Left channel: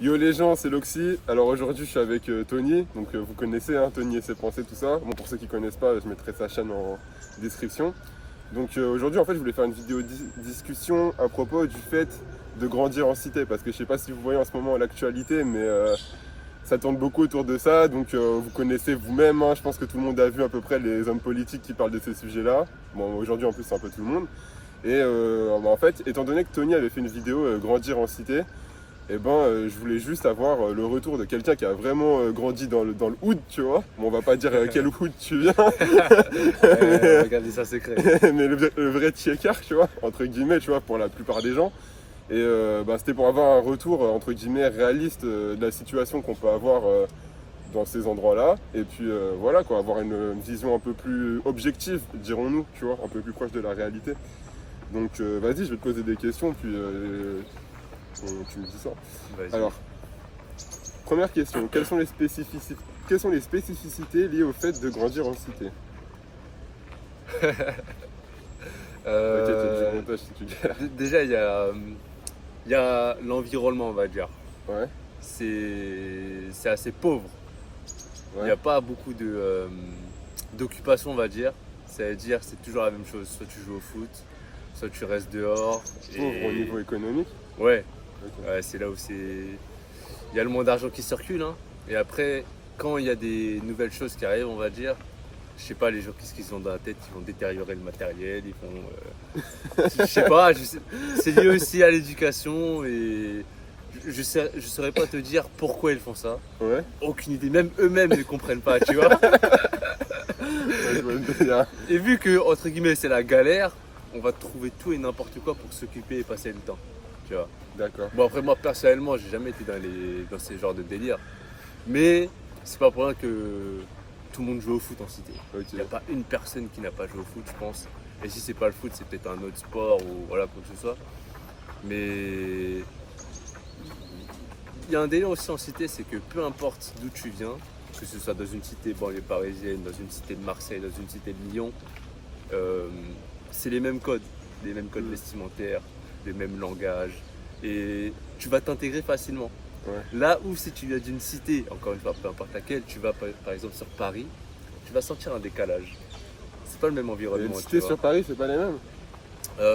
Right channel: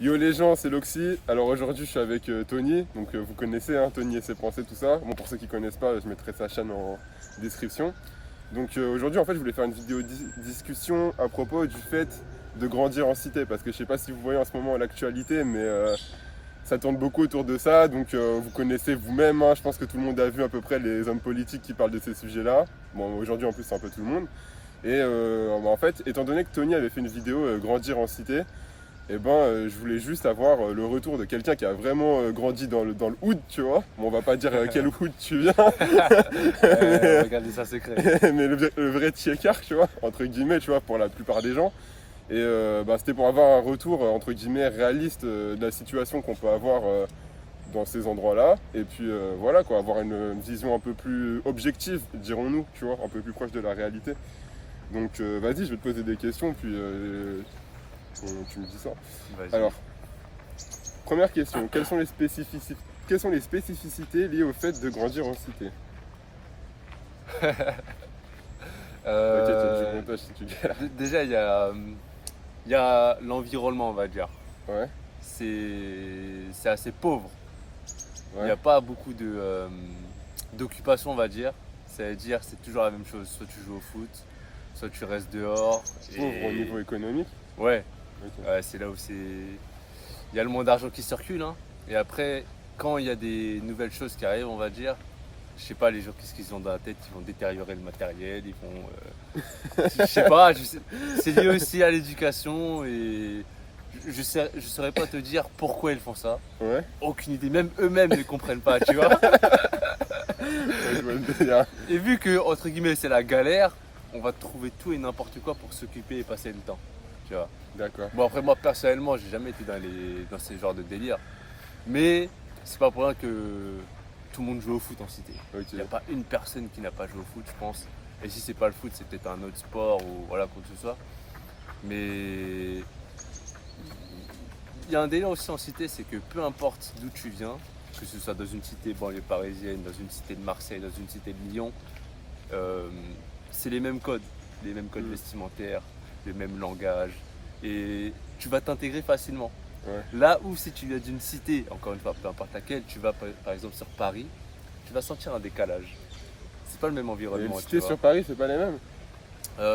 Yo les gens, c'est Loxy. Alors aujourd'hui je suis avec Tony, donc vous connaissez hein, Tony et ses pensées, tout ça. Bon pour ceux qui connaissent pas, je mettrai sa chaîne en description. Donc aujourd'hui en fait je voulais faire une vidéo discussion à propos du fait de grandir en cité, parce que je sais pas si vous voyez en ce moment l'actualité, mais ça tourne beaucoup autour de ça, donc vous connaissez vous-même, hein, je pense que tout le monde a vu à peu près les hommes politiques qui parlent de ces sujets-là. Bon aujourd'hui en plus c'est un peu tout le monde. Et en fait, étant donné que Tony avait fait une vidéo Grandir en cité, je voulais juste avoir le retour de quelqu'un qui a vraiment grandi dans le hood, tu vois. Bon, on va pas dire quel hood tu viens, Regardez ça secret. mais le vrai tiécar, tu vois, entre guillemets, tu vois, pour la plupart des gens. Et c'était pour avoir un retour, entre guillemets, réaliste de la situation qu'on peut avoir dans ces endroits-là. Et puis voilà, quoi, avoir une vision un peu plus objective, dirons-nous, tu vois, un peu plus proche de la réalité. Donc vas-y, je vais te poser des questions, puis tu me dis ça. Vas-y. Alors, première question, quelles sont les spécificités liées au fait de grandir en cité? Ok, tu as du montage si tu galères. Déjà, il y a l'environnement, on va dire. Ouais, C'est assez pauvre. Il n'y a ouais. pas beaucoup d'occupation, on va dire. C'est-à-dire, c'est toujours la même chose. Soit tu joues au foot, soit tu restes dehors. Pauvre au niveau économique. Ouais, Ok. ouais, c'est là où c'est. Il y a le moins d'argent qui circule, hein. Et après, quand il y a des nouvelles choses qui arrivent, on va dire, je sais pas, les gens, qu'est-ce qu'ils ont dans la tête? Ils vont détériorer le matériel, ils vont. Je sais pas, c'est lié aussi à l'éducation et je saurais pas te dire pourquoi ils font ça. Ouais, Aucune idée, même eux-mêmes ne comprennent pas, tu vois. ouais, je vois le délire. Et vu que, entre guillemets, c'est la galère, on va trouver tout et n'importe quoi pour s'occuper et passer le temps, tu vois. D'accord. Bon, après, moi, personnellement, j'ai jamais été dans ces genres de délire. Mais c'est pas pour rien que tout le monde joue au foot en cité. Ok. Il n'y a pas une personne qui n'a pas joué au foot, je pense. Et si c'est pas le foot, c'est peut-être un autre sport ou voilà, quoi que ce soit. Mais il y a un délire aussi en cité, c'est que peu importe d'où tu viens, que ce soit dans une cité banlieue parisienne, dans une cité de Marseille, dans une cité de Lyon, euh, c'est les mêmes codes Mm. vestimentaires, les mêmes langages. Et tu vas t'intégrer facilement. Ouais. Là où si tu viens d'une cité, encore une fois, peu importe laquelle, tu vas par exemple sur Paris, tu vas sentir un décalage. C'est pas le même Et environnement, les tu cités vois. sur Paris, c'est pas les mêmes?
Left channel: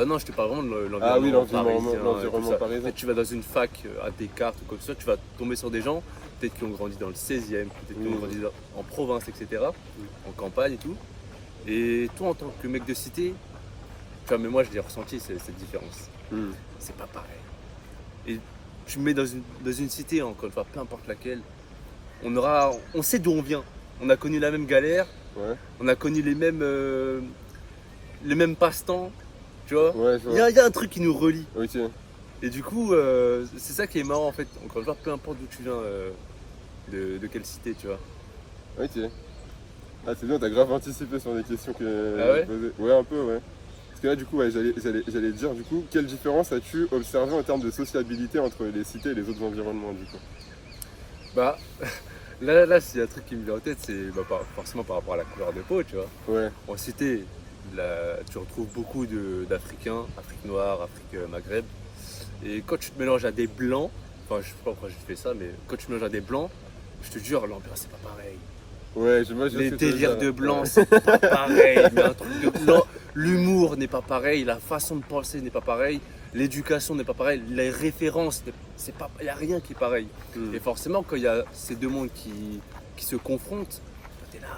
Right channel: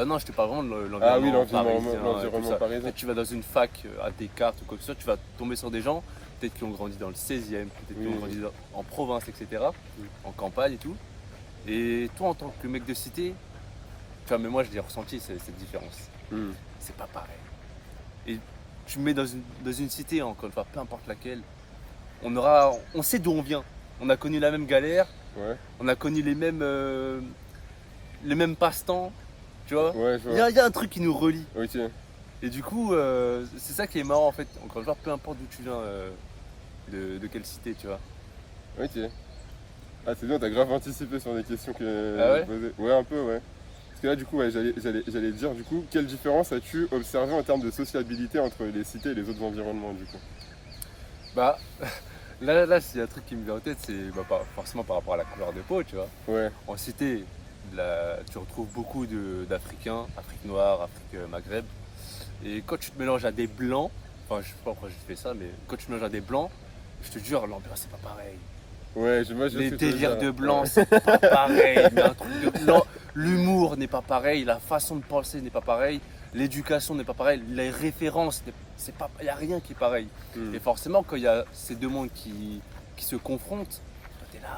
Non, je te parle vraiment de l'environnement Ah oui, parisien et tout l'environnement ça. parisien. Peut-être tu vas dans une fac à Descartes ou quoi que ce soit, tu vas tomber sur des gens, peut-être qui ont grandi dans le 16e, peut-être qui ont grandi en province, etc., en campagne et tout. Et toi, en tant que mec de cité, enfin, mais moi je l'ai ressenti cette différence. Mm. C'est pas pareil. Et tu me mets dans une cité, encore une fois, peu importe laquelle, on sait d'où on vient. On a connu la même galère, Ouais, on a connu les mêmes passe-temps, tu vois. ouais, je Il vois. y a un truc qui nous relie. Ok. Et du coup, c'est ça qui est marrant en fait. Encore une fois, peu importe d'où tu viens, de quelle cité, tu vois. Ok. Ah, c'est bien, t'as grave anticipé sur les questions que Ah ouais je posais. Ouais, un peu, ouais. Parce que là, du coup, ouais, j'allais te dire, du coup, quelle différence as-tu observé en termes de sociabilité entre les cités et les autres environnements, du coup? Bah, là, s'il y a un truc qui me vient en tête, c'est forcément par rapport à la couleur de peau, tu vois. Ouais, En cité, tu retrouves beaucoup d'Africains, Afrique noire, Afrique Maghreb. Et quand tu te mélanges à des blancs, enfin je sais pas pourquoi je fais ça, mais quand tu te mélanges à des blancs, je te jure, l'ambiance c'est pas pareil. ouais, moi, je sais Les ce que tu veux délires dire. de blanc, Ouais. c'est pas pareil. Il y a un truc non, l'humour n'est pas pareil, la façon de penser n'est pas pareil, l'éducation n'est pas pareille, les références, c'est pas, il n'y a rien qui est pareil. Mm. Et forcément, quand il y a ces deux mondes qui se confrontent, t'es là.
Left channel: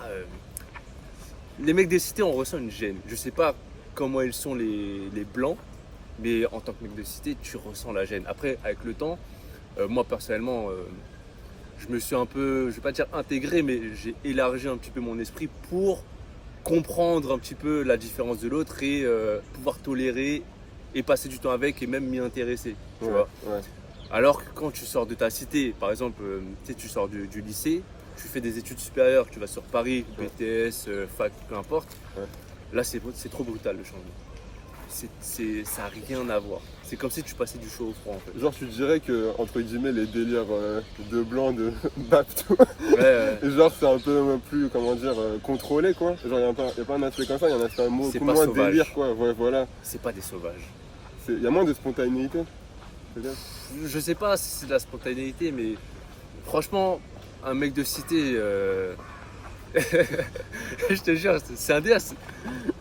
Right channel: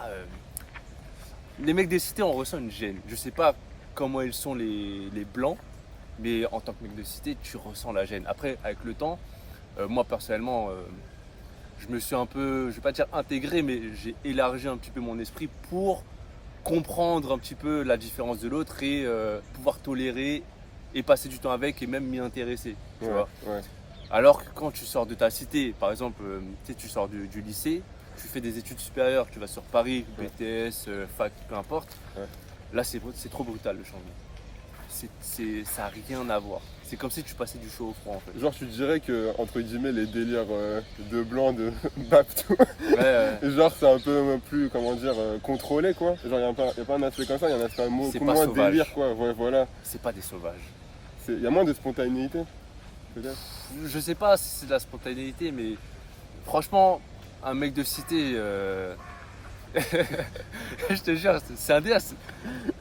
Les mecs des cités, on ressent une gêne. Je sais pas comment ils sont les blancs, mais en tant que mec de cité, tu ressens la gêne. Après, avec le temps, moi personnellement, je me suis un peu, je vais pas dire intégré, mais j'ai élargi un petit peu mon esprit pour comprendre un petit peu la différence de l'autre et pouvoir tolérer et passer du temps avec et même m'y intéresser. Tu Ouais, vois. ouais. Alors que quand tu sors de ta cité, par exemple, tu sais, tu sors du lycée, tu fais des études supérieures, tu vas sur Paris, BTS, fac, peu importe. Ouais. Là, c'est trop brutal le changement. Ça n'a rien à voir. C'est comme si tu passais du chaud au froid en fait. Genre, tu dirais que, entre guillemets, les délires de blanc, de bap, tout, Ouais, genre, c'est un peu plus, comment dire, contrôlé, quoi. Genre, y a pas un aspect comme ça, il y a un aspect C'est beaucoup pas moins sauvage. délire, quoi. Ouais, voilà. c'est pas des sauvages. Il y a moins de spontanéité. peut-être. Je sais pas si c'est de la spontanéité, mais franchement, un mec de cité, je te jure, c'est un délire.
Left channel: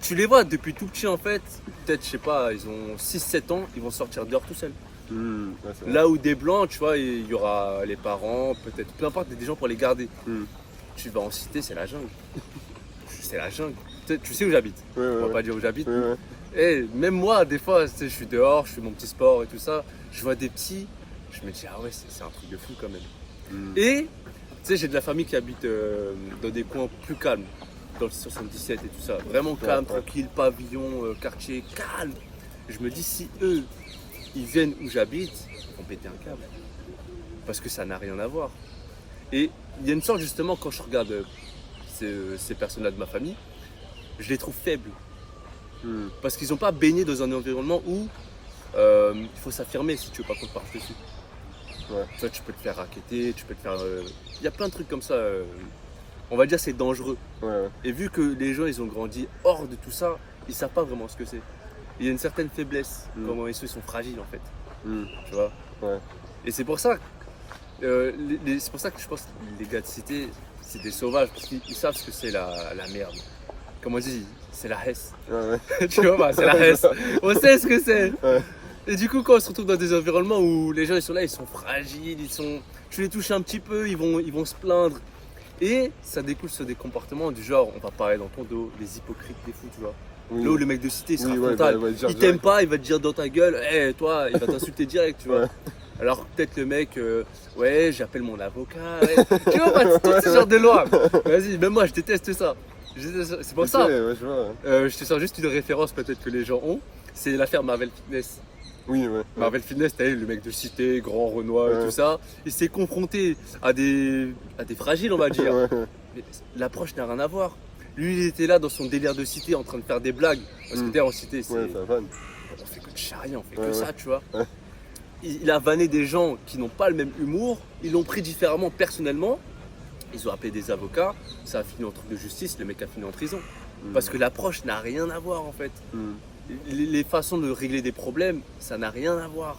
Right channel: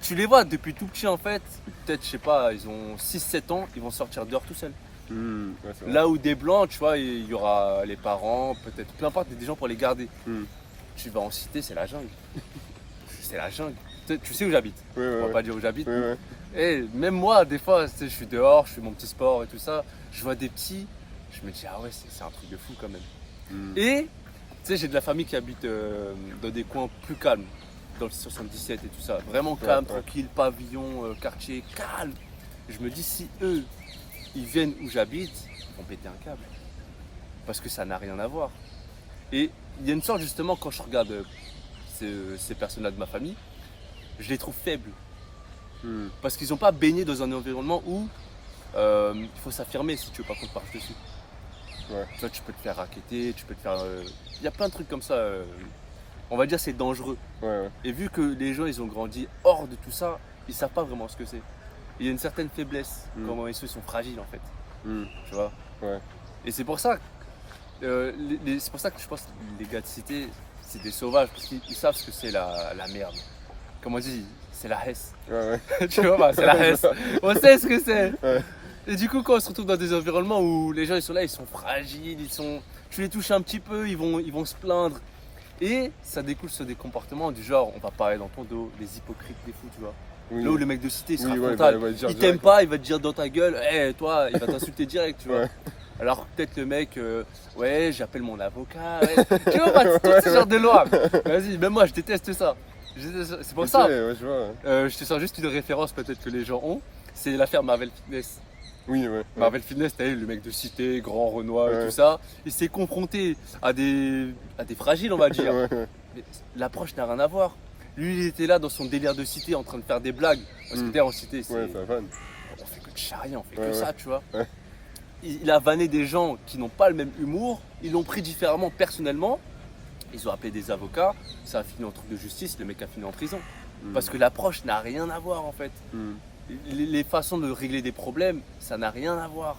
Tu les vois depuis tout petit en fait, peut-être, je sais pas, ils ont 6-7 ans, ils vont sortir dehors tout seuls. Ouais, c'est vrai. Là où des blancs, tu vois, il y aura les parents, peut-être, peu importe, des gens pour les garder. Hmm. Tu vas en cité, c'est la jungle. C'est la jungle. Tu sais où j'habite. Ouais, On va ouais, pas dire où j'habite. ouais, ouais. Et même moi, des fois, tu sais, je suis dehors, je fais mon petit sport et tout ça. Je vois des petits, je me dis, ah ouais, c'est un truc de fou quand même. Hmm. Et, tu sais, j'ai de la famille qui habite dans des coins plus calmes, dans le 77 et tout ça. Vraiment calme, ouais. tranquille, pavillon, quartier, calme. Je me dis, si eux, ils viennent où j'habite, ils vont péter un câble. Parce que ça n'a rien à voir. Et il y a une sorte, justement, quand je regarde ces personnes-là de ma famille, je les trouve faibles. Hmm. Parce qu'ils n'ont pas baigné dans un environnement où il faut s'affirmer si tu veux pas qu'on te marche dessus. Ouais. Tu vois, tu peux te faire racketter, tu peux te faire... Il y a plein de trucs comme ça. On va dire c'est dangereux. Ouais, ouais. Et vu que les gens, ils ont grandi hors de tout ça, ils savent pas vraiment ce que c'est. Il y a une certaine faiblesse, comment ils sont fragiles en fait. Hmm. Tu vois. Ouais. Et c'est pour ça, c'est pour ça que je pense que les gars de cité, c'est des sauvages, parce qu'ils savent ce que c'est la merde. Comme on dit, c'est la hesse. Ouais, ouais. Tu vois, bah, c'est la hesse. On sait ce que c'est. Ouais. Et du coup, quand on se retrouve dans des environnements où les gens ils sont là, ils sont fragiles, tu les touches un petit peu, ils vont se plaindre. Et ça découle sur des comportements du genre, on va parler dans ton dos, les hypocrites des fous, tu vois. Oui. Là où le mec de cité il sera Oui, ouais, frontal, ouais, dire il t'aime direct. pas, il va te dire dans ta gueule, hé toi, il va t'insulter direct, tu vois. Ouais. Alors peut-être le mec, ouais, j'appelle mon avocat, ouais. Tu vois, bah, tout ce genre de loi. Vas-y, même moi je déteste ça. C'est pour ça. Ouais, je vois. Je te sors juste une référence peut-être que les gens ont, c'est l'affaire Marvel Fitness. Oui, ouais. Marvel Fitness, t'as vu, le mec de cité, grand Renoir et Ouais. tout ça, il s'est confronté à des fragiles, on va dire. Ouais, ouais. Mais l'approche n'a rien à voir. Lui, il était là dans son délire de cité en train de faire des blagues. Parce que t'es en cité, c'est... Ouais, ça vanne. on fait que de charrier, on fait Ouais, que ouais. ça, tu vois. Ouais. Il a vanné des gens qui n'ont pas le même humour, ils l'ont pris différemment personnellement. Ils ont appelé des avocats, ça a fini en truc de justice, le mec a fini en prison. Parce que l'approche n'a rien à voir en fait. Hmm. Les façons de régler des problèmes, ça n'a rien à voir.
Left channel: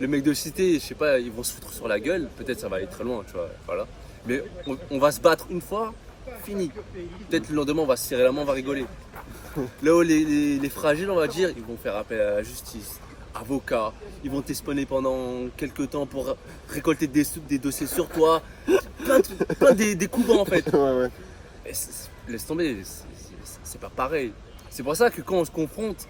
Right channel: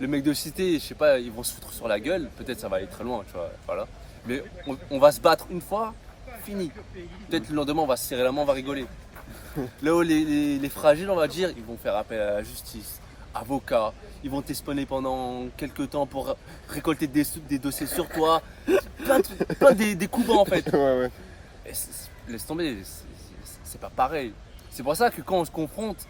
Le mec de cité, je sais pas, ils vont se foutre sur la gueule, peut-être ça va aller très loin, tu vois, voilà. Mais on va se battre une fois, fini. Peut-être le lendemain, on va se serrer la main, on va rigoler. Là où les fragiles, on va dire, ils vont faire appel à la justice, avocats, ils vont t'espionner pendant quelques temps pour récolter des dossiers sur toi, plein des coups bas en fait. Ouais, ouais. Et laisse tomber, c'est pas pareil. C'est pour ça que quand on se confronte,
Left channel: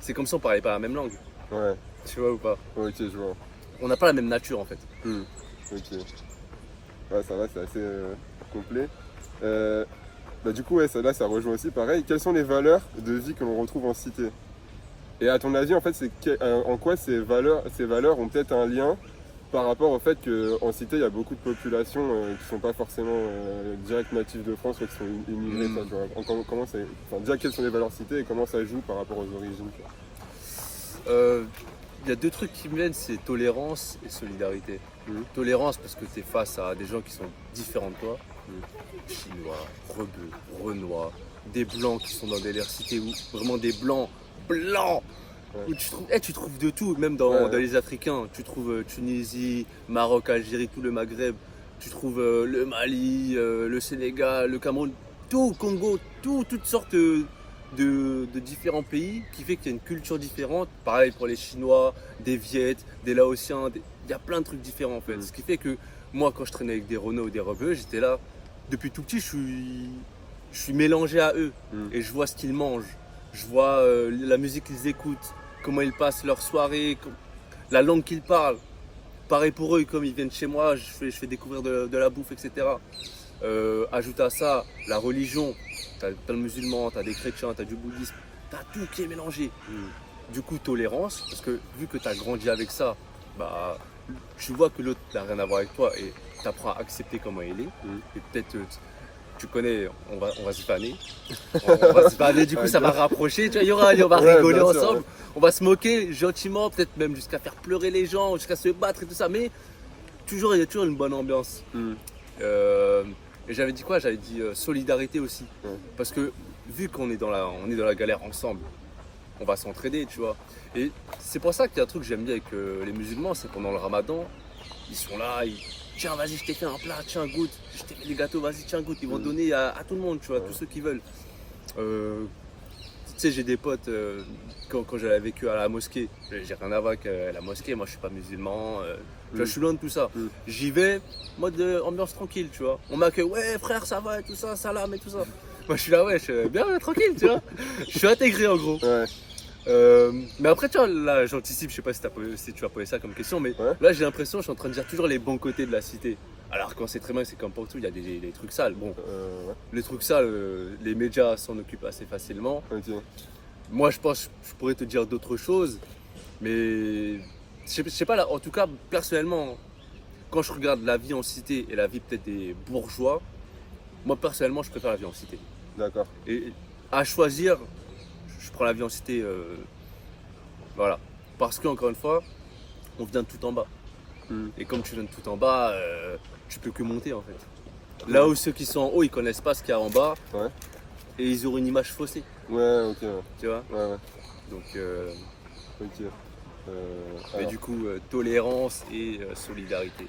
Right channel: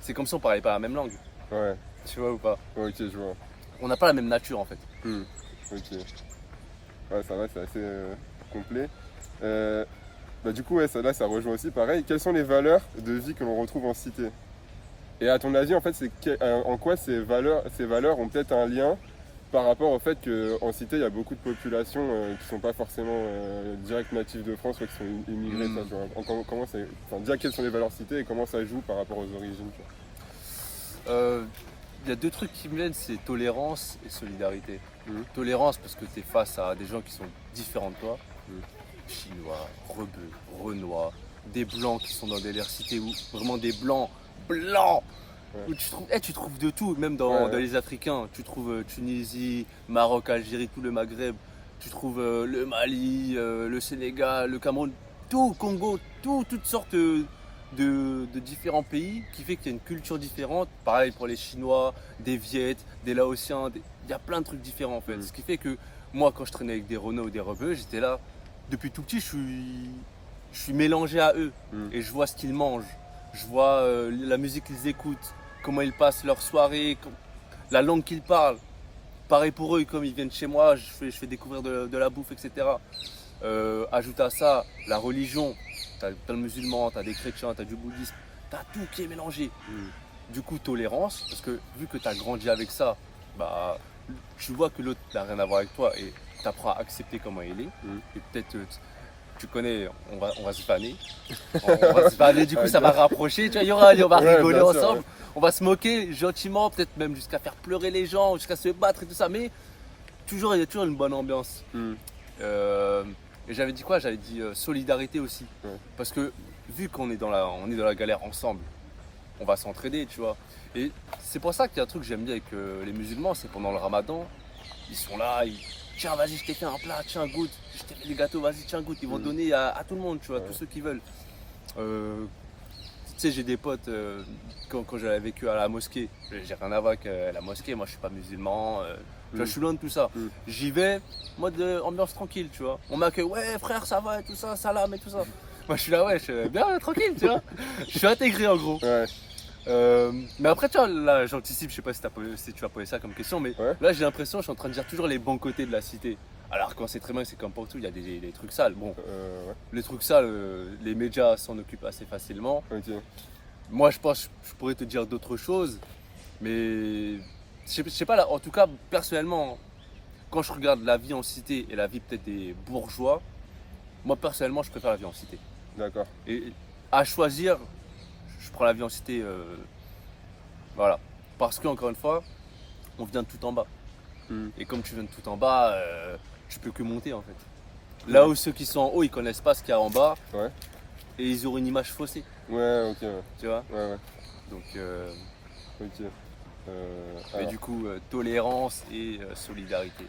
c'est comme si on parlait pas la même langue. Ouais. Tu vois ou pas? Ok, je vois. On n'a pas la même nature en fait. Hmm. Ok. Ouais, ça va, c'est assez complet. Bah, du coup, ouais, là, ça rejoint aussi pareil. Quelles sont les valeurs de vie que l'on retrouve en cité? Et à ton avis, en fait, en quoi ces valeurs ont peut-être un lien par rapport au fait qu'en cité, il y a beaucoup de populations qui ne sont pas forcément direct natives de France, qui sont immigrées. Ça, tu vois. Déjà, quelles sont les valeurs citées et comment ça joue par rapport aux origines, quoi. Il y a deux trucs qui me viennent, c'est tolérance et solidarité. Tolérance parce que tu es face à des gens qui sont différents de toi. Chinois, rebeux, renois, des blancs qui sont dans des cités où vraiment des blancs, Ouais. où tu trouves de tout, même dans Ouais. les Africains. Tu trouves Tunisie, Maroc, Algérie, tout le Maghreb. Tu trouves le Mali, le Sénégal, le Cameroun, tout, Congo, toutes sortes de différents pays qui fait qu'il y a une culture différente. Pareil pour les Chinois, des Viettes, des Laotiens, il y a plein de trucs différents en fait. Ce qui fait que moi quand je traînais avec des Renault ou des Rebeux, j'étais là, depuis tout petit je suis mélangé à eux et je vois ce qu'ils mangent, je vois la musique qu'ils écoutent, comment ils passent leur soirée, la langue qu'ils parlent. Pareil pour eux, comme ils viennent chez moi, je fais découvrir de la bouffe, etc. Ajoute à ça la religion. T'as le musulman, t'as des chrétiens, t'as du bouddhisme, t'as tout qui est mélangé. Du coup, tolérance, parce que vu que t'as grandi avec ça, bah, tu vois que l'autre n'a rien à voir avec toi et t'apprends à accepter comment il est. Et peut-être, tu connais, on va se vanner. On va se vanner, du coup, ça va rapprocher. Tu vois, on va Ouais, rigoler bien sûr, ensemble. ouais. On va se moquer gentiment, peut-être même jusqu'à faire pleurer les gens, jusqu'à se battre et tout ça. Mais il y a toujours une bonne ambiance. Et j'avais dit quoi? J'avais dit solidarité aussi. Parce que vu qu'on est dans la galère ensemble, on va s'entraider, tu vois. Et c'est pour ça qu'il y a un truc que j'aime bien avec les musulmans, c'est pendant le ramadan, ils sont là, tiens, vas-y, je t'ai fait un plat, tiens, goûte, je t'ai fait des gâteaux, vas-y, tiens, goûte. Ils vont donner à tout le monde, tu vois, tous ceux qui veulent. Tu sais, j'ai des potes, quand j'avais vécu à la mosquée, j'ai rien à voir avec la mosquée, moi je suis pas musulman, tu vois, je suis loin de tout ça. J'y vais, mode ambiance tranquille, tu vois. On m'accueille, ouais frère, ça va et tout ça, salam et tout ça. Moi je suis là, ouais, je suis bien tranquille, tu vois. Je suis intégré en gros. Ouais. Mais après, tu vois, là j'anticipe, je sais pas si tu vas poser ça comme question, mais là j'ai l'impression, je suis en train de dire toujours les bons côtés de la cité. Alors quand c'est très mal, c'est comme partout, il y a des trucs sales. Bon, les trucs sales, les médias s'en occupent assez facilement. Ok. Moi je pense que je pourrais te dire d'autres choses, mais je sais pas, là, en tout cas personnellement, quand je regarde la vie en cité et la vie peut-être des bourgeois, moi personnellement je préfère la vie en cité. D'accord. Et à choisir, je prends la vie en cité, voilà. Parce qu'encore une fois, on vient de tout en bas. Et comme tu viens de tout en bas, tu peux que monter en fait. Là où ceux qui sont en haut, ils connaissent pas ce qu'il y a en bas. Ouais. Et ils auront une image faussée. Ouais, ok. Ouais. Tu vois. Ouais. Donc, Ok. mais Alors, du coup, tolérance et solidarité.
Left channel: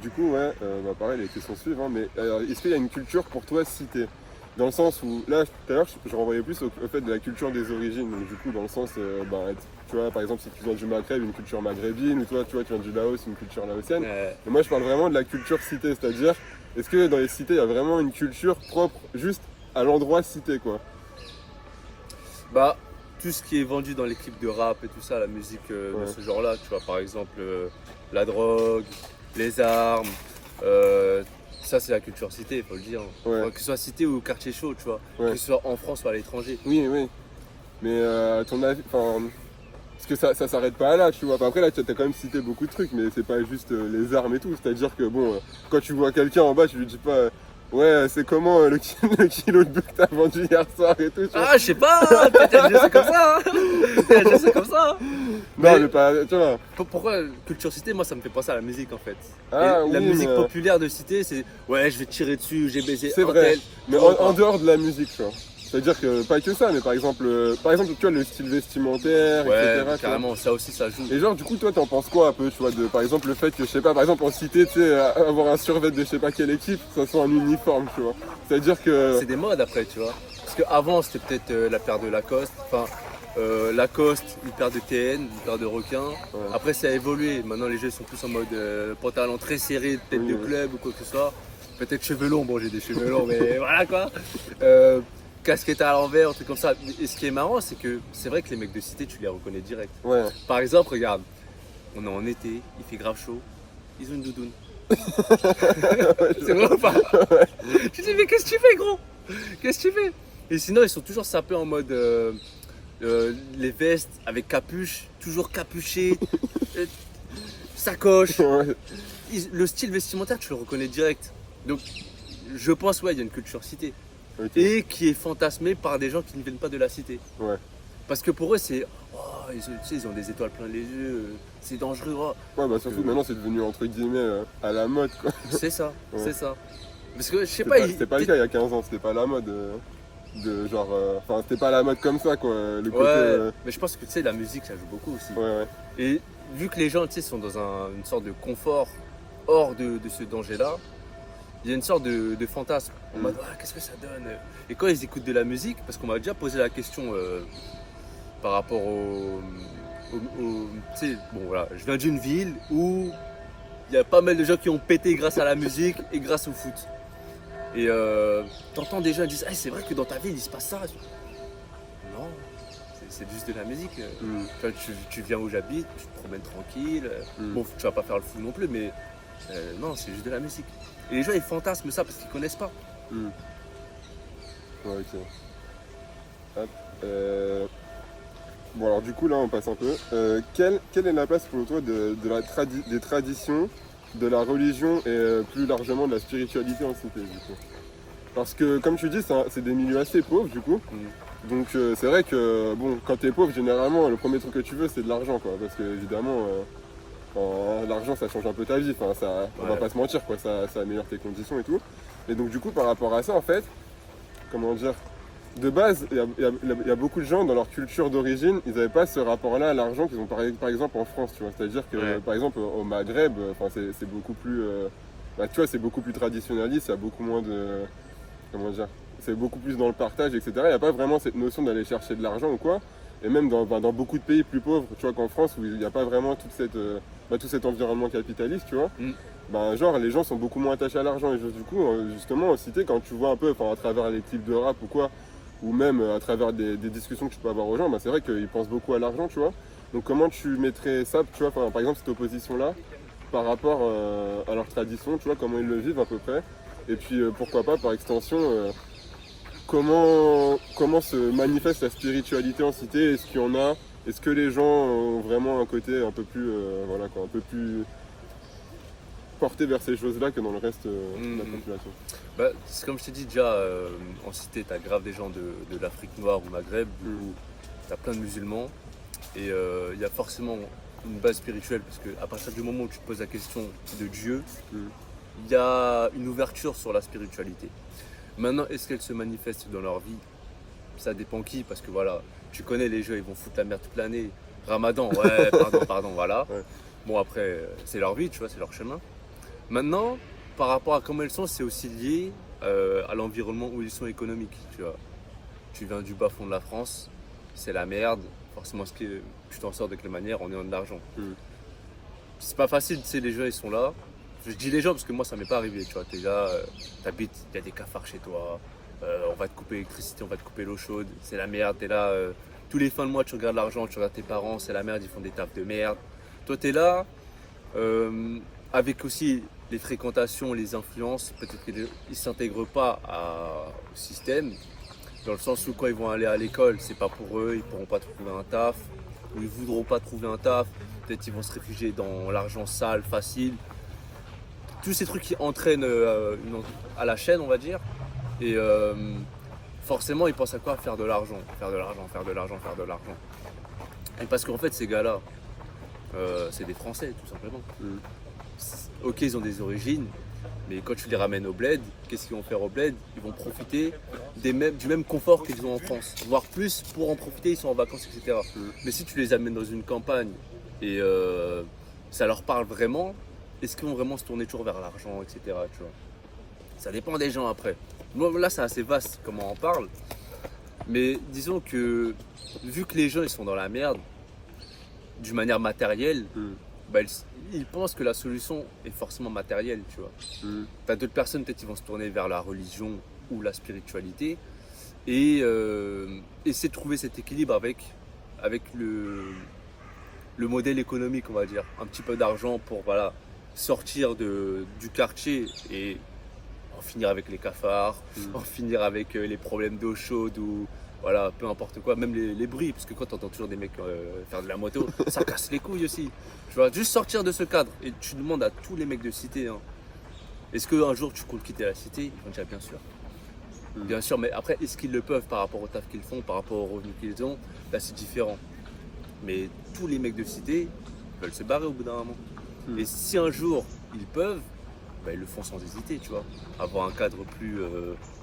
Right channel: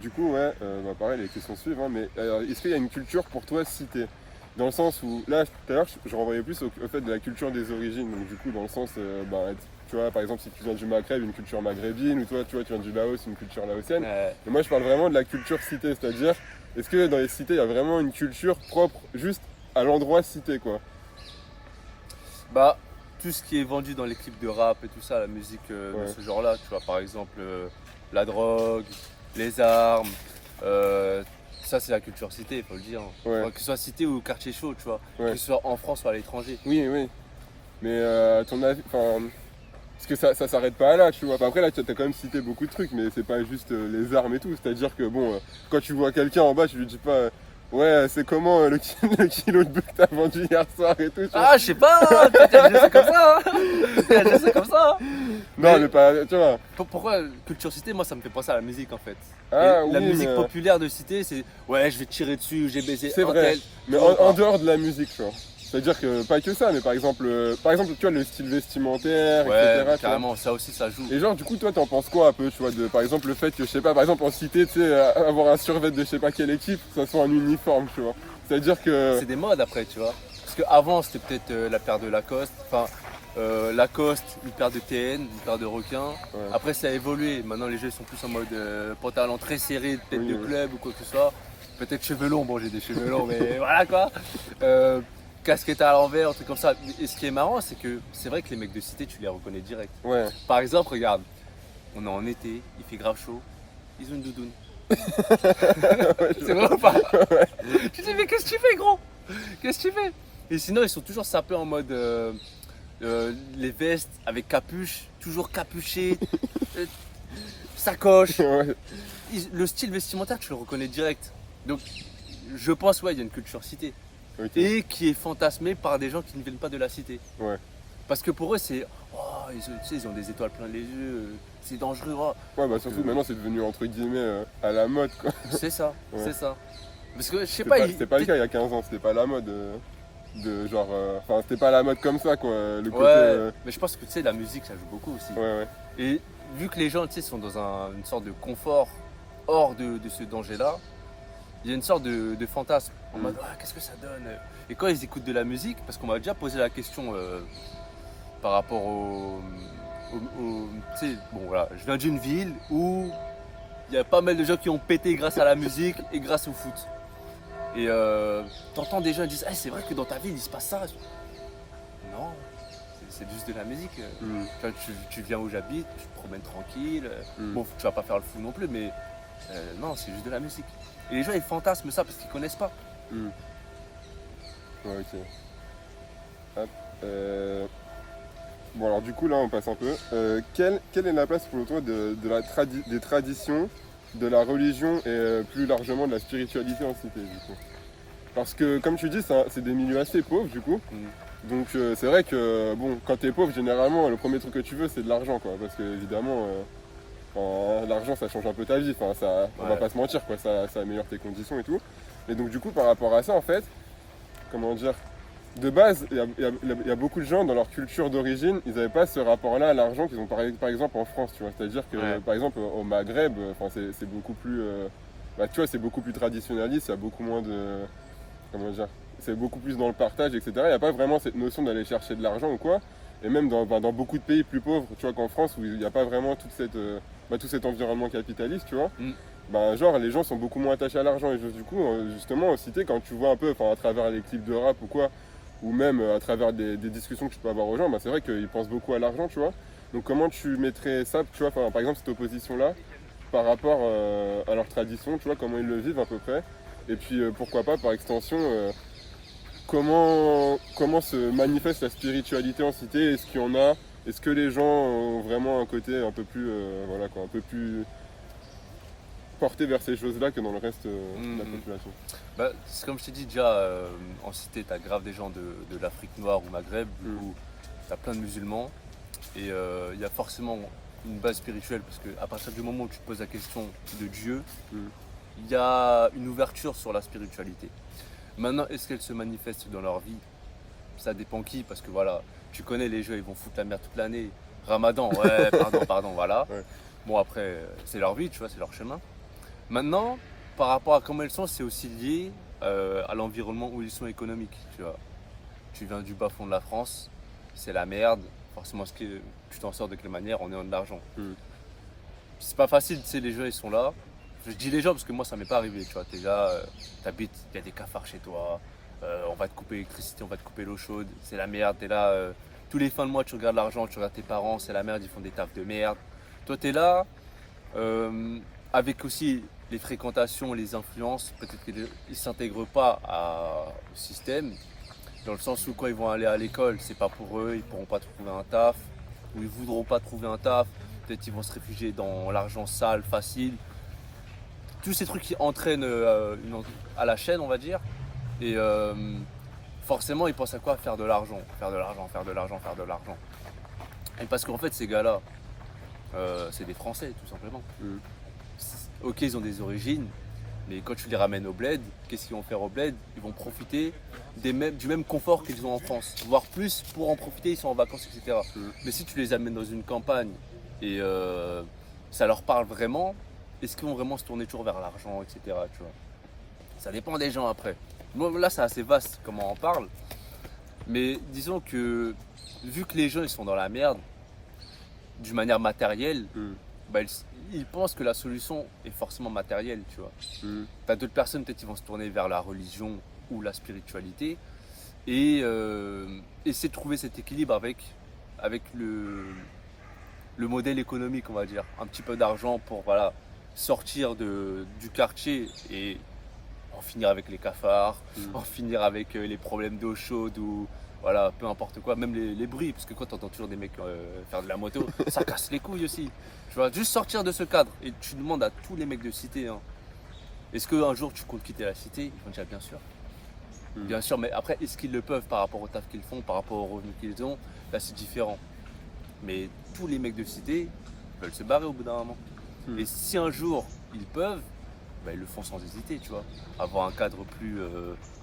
du coup, ouais, pareil, les questions suivent, hein, mais est-ce qu'il y a une culture pour toi cité? Dans le sens où, là, tout à l'heure, je renvoyais plus au fait de la culture des origines. Donc, du coup, dans le sens, tu vois, par exemple, si tu viens du Maghreb, une culture maghrébine, ou toi, tu vois, tu viens du Laos, une culture laotienne. Mais moi, je parle vraiment de la culture cité, c'est-à-dire, est-ce que dans les cités, il y a vraiment une culture propre juste à l'endroit cité, quoi? Bah, tout ce qui est vendu dans les clips de rap et tout ça, la musique de ce genre-là, tu vois, par exemple, la drogue, les armes, ça c'est la culture cité, il faut le dire. Enfin, que ce soit cité ou quartier chaud, tu vois, que ce soit en France ou à l'étranger. Oui. Mais à ton avis, parce que ça s'arrête pas là, tu vois. Après là, tu as quand même cité beaucoup de trucs, mais c'est pas juste les armes et tout. C'est-à-dire que bon, quand tu vois quelqu'un en bas, tu lui dis pas, ouais, c'est comment le kilo de bœuf que t'as vendu hier soir et tout. Ah, je sais pas, peut-être je sais comme ça. Je sais comme ça. Non, mais pas, tu vois. Pourquoi culture cité, moi ça me fait penser à la musique en fait. Ah, la oui, musique mais, populaire de cité, c'est ouais, je vais tirer dessus, j'ai baisé c'est un vrai. tel. Mais en dehors de la musique, tu vois. C'est-à-dire que pas que ça, mais par exemple, tu vois, le style vestimentaire, ouais, etc. carrément, ça aussi ça joue. Et genre, du coup, toi, t'en penses quoi un peu, tu vois, par exemple, le fait que, je sais pas, par exemple, en cité, tu sais, avoir un survêt de je sais pas quelle équipe, ça soit un uniforme, tu vois. C'est-à-dire que. C'est des modes après, tu vois. Parce qu'avant, c'était peut-être la paire de Lacoste, enfin, Lacoste, une paire de TN, une paire de requins. Ouais. Après, ça a évolué. Maintenant, les jeux sont plus en mode pantalon très serré, peut-être de club ou quoi que ce soit. Peut-être cheveux longs, bon, j'ai des cheveux longs, mais voilà quoi. Casquette à l'envers, un truc comme ça. Et ce qui est marrant, c'est que c'est vrai que les mecs de cité, tu les reconnais direct. Ouais. Par exemple, regarde, on est en été, il fait grave chaud, ils ont une doudoune. C'est vrai ou pas? Tu dis, mais qu'est-ce que tu fais, gros? Qu'est-ce que tu fais? Et sinon, ils sont toujours sapés en mode les vestes avec capuche, toujours capuché, sacoche. Ouais. Le style vestimentaire, tu le reconnais direct. Donc, je pense, ouais, il y a une culture cité. Ok. Et qui est fantasmée par des gens qui ne viennent pas de la cité. Ouais. Parce que pour eux, c'est. Oh, tu sais, ils ont des étoiles plein les yeux, c'est dangereux. Oh. Ouais, bah surtout maintenant, c'est devenu entre guillemets à la mode, quoi. C'est ça, Ouais. c'est ça. Parce que je sais pas. C'était pas le cas il y a 15 ans, c'était pas la mode. De genre. Enfin, c'était pas la mode comme ça, quoi. Le côté. Ouais, mais je pense que tu sais, la musique, ça joue beaucoup aussi. Ouais. Et vu que les gens, tu sais, sont dans une sorte de confort hors de ce danger-là, il y a une sorte de fantasme. En mode, ah, qu'est-ce que ça donne? Et quand ils écoutent de la musique, parce qu'on m'a déjà posé la question par rapport tu sais, bon voilà, je viens d'une ville où il y a pas mal de gens qui ont pété grâce à la musique et grâce au foot. Et t'entends des gens qui disent, ah, c'est vrai que dans ta ville il se passe ça. Non, c'est juste de la musique. Tu vois, tu viens où j'habite, tu te promènes tranquille. Bon, tu vas pas faire le fou non plus, mais non, c'est juste de la musique. Et les gens ils fantasment ça parce qu'ils connaissent pas. Ouais, ok. Hop. Bon, alors du coup, là, on passe un peu. Quelle est la place pour toi des traditions, de la religion et plus largement de la spiritualité en cité, du coup? Parce que, comme tu dis, c'est des milieux assez pauvres, du coup. Donc, c'est vrai que, bon, quand t'es pauvre, généralement, le premier truc que tu veux, c'est de l'argent, quoi. Parce que, évidemment, l'argent, ça change un peu ta vie. Enfin, on va pas se mentir, quoi. Ça améliore tes conditions et tout. Et donc, du coup, par rapport à ça, en fait, comment dire, de base, il y a beaucoup de gens dans leur culture d'origine, ils n'avaient pas ce rapport-là à l'argent qu'ils ont par exemple en France, tu vois. C'est-à-dire que, Ouais. par exemple, au Maghreb, enfin, c'est beaucoup plus, bah, tu vois, c'est beaucoup plus traditionnaliste, il y a beaucoup moins de, comment dire, c'est beaucoup plus dans le partage, etc. Il n'y a pas vraiment cette notion d'aller chercher de l'argent ou quoi. Et même dans beaucoup de pays plus pauvres, tu vois, qu'en France, où il n'y a pas vraiment tout cet environnement capitaliste, tu vois. Mm. Ben, genre, les gens sont beaucoup moins attachés à l'argent. Et du coup, justement, en cité, quand tu vois un peu, enfin, à travers les clips de rap ou quoi, ou même à travers des discussions que tu peux avoir aux gens, ben, c'est vrai qu'ils pensent beaucoup à l'argent, tu vois. Donc, comment tu mettrais ça, tu vois, par exemple, cette opposition-là, par rapport à leur tradition, tu vois, comment ils le vivent à peu près. Et puis, pourquoi pas, par extension, comment se manifeste la spiritualité en cité? Est-ce qu'il y en a? Est-ce que les gens ont vraiment un côté un peu plus, voilà, quoi, un peu plus porté vers ces choses-là que dans le reste de la population? Bah, c'est comme je t'ai dit déjà, en cité, t'as grave des gens de l'Afrique noire ou Maghreb, du coup, t'as plein de musulmans, et il y a forcément une base spirituelle, parce qu'à partir du moment où tu te poses la question de Dieu, il y a une ouverture sur la spiritualité. Maintenant, est-ce qu'elle se manifeste dans leur vie? Ça dépend qui, parce que voilà, tu connais les jeux, ils vont foutre la merde toute l'année. Ramadan, ouais, pardon, voilà. Ouais. Bon, après, c'est leur vie, tu vois, c'est leur chemin. Maintenant, par rapport à comment ils sont, c'est aussi lié à l'environnement où ils sont économiques, tu vois. Tu viens du bas fond de la France, c'est la merde. Forcément, tu t'en sors de quelle manière? En ayant de l'argent. C'est pas facile, tu sais, les gens, ils sont là. Je dis les gens parce que moi, ça m'est pas arrivé, tu vois. T'es là, t'habites, il y a des cafards chez toi, on va te couper l'électricité, on va te couper l'eau chaude, c'est la merde. T'es là, tous les fins de mois, tu regardes l'argent, tu regardes tes parents, c'est la merde, ils font des tafs de merde. Toi, t'es là, avec aussi les fréquentations, les influences, peut-être qu'ils ne s'intègrent pas au système, dans le sens où quand ils vont aller à l'école, c'est pas pour eux, ils pourront pas trouver un taf, ou ils voudront pas trouver un taf, peut-être ils vont se réfugier dans l'argent sale, facile. Tous ces trucs qui entraînent à la chaîne, on va dire. Et forcément, ils pensent à quoi? Faire de l'argent. Et parce qu'en fait, ces gars-là, c'est des Français, tout simplement. Ok, ils ont des origines, mais quand tu les ramènes au bled, qu'est-ce qu'ils vont faire au bled? Ils vont profiter du même confort qu'ils ont en France. Voire plus, pour en profiter, ils sont en vacances, etc. Mais si tu les amènes dans une campagne et ça leur parle vraiment, est-ce qu'ils vont vraiment se tourner toujours vers l'argent, etc. Tu vois, ça dépend des gens après. Moi, là, c'est assez vaste comment on en parle. Mais disons que, vu que les gens ils sont dans la merde, d'une manière matérielle, bah, ils pensent que la solution est forcément matérielle, tu vois. T'as d'autres personnes, peut-être, ils vont se tourner vers la religion ou la spiritualité et essayer de trouver cet équilibre avec le modèle économique, on va dire. Un petit peu d'argent pour, voilà, sortir du quartier et en finir avec les cafards, en finir avec les problèmes d'eau chaude ou voilà, peu importe quoi, même les bruits, parce que quand tu entends toujours des mecs faire de la moto, ça casse les couilles aussi. Tu vois, juste sortir de ce cadre. Et tu demandes à tous les mecs de cité, hein, est-ce qu'un jour tu comptes quitter la cité? Ils vont dire bien sûr. Bien sûr, mais après, est-ce qu'ils le peuvent par rapport au taf qu'ils font, par rapport aux revenus qu'ils ont? Là, c'est différent. Mais tous les mecs de cité veulent se barrer au bout d'un moment. Et si un jour ils peuvent, bah, ils le font sans hésiter, tu vois. Avoir un cadre plus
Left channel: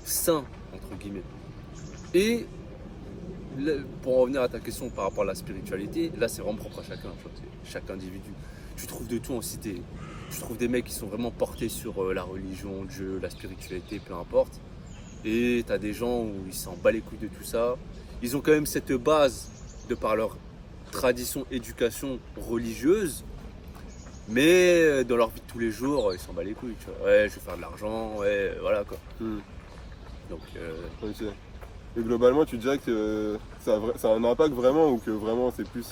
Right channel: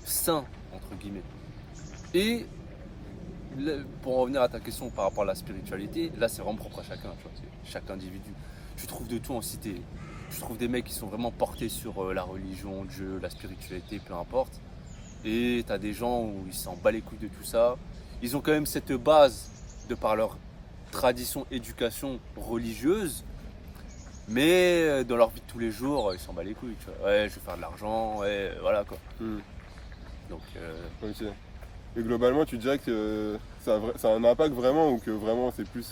sain, entre guillemets. Et pour en revenir à ta question par rapport à la spiritualité, là c'est vraiment propre à chacun, tu vois, c'est chaque individu. Tu trouves de tout en cité. Tu trouves des mecs qui sont vraiment portés sur la religion, Dieu, la spiritualité, peu importe. Et t'as des gens où ils s'en battent les couilles de tout ça. Ils ont quand même cette base de par leur tradition, éducation religieuse. Mais dans leur vie de tous les jours, ils s'en battent les couilles, tu vois. Ouais, je veux faire de l'argent, ouais, voilà quoi. Donc, Ok. Et globalement, tu dirais que ça a un impact vraiment ou que vraiment c'est plus.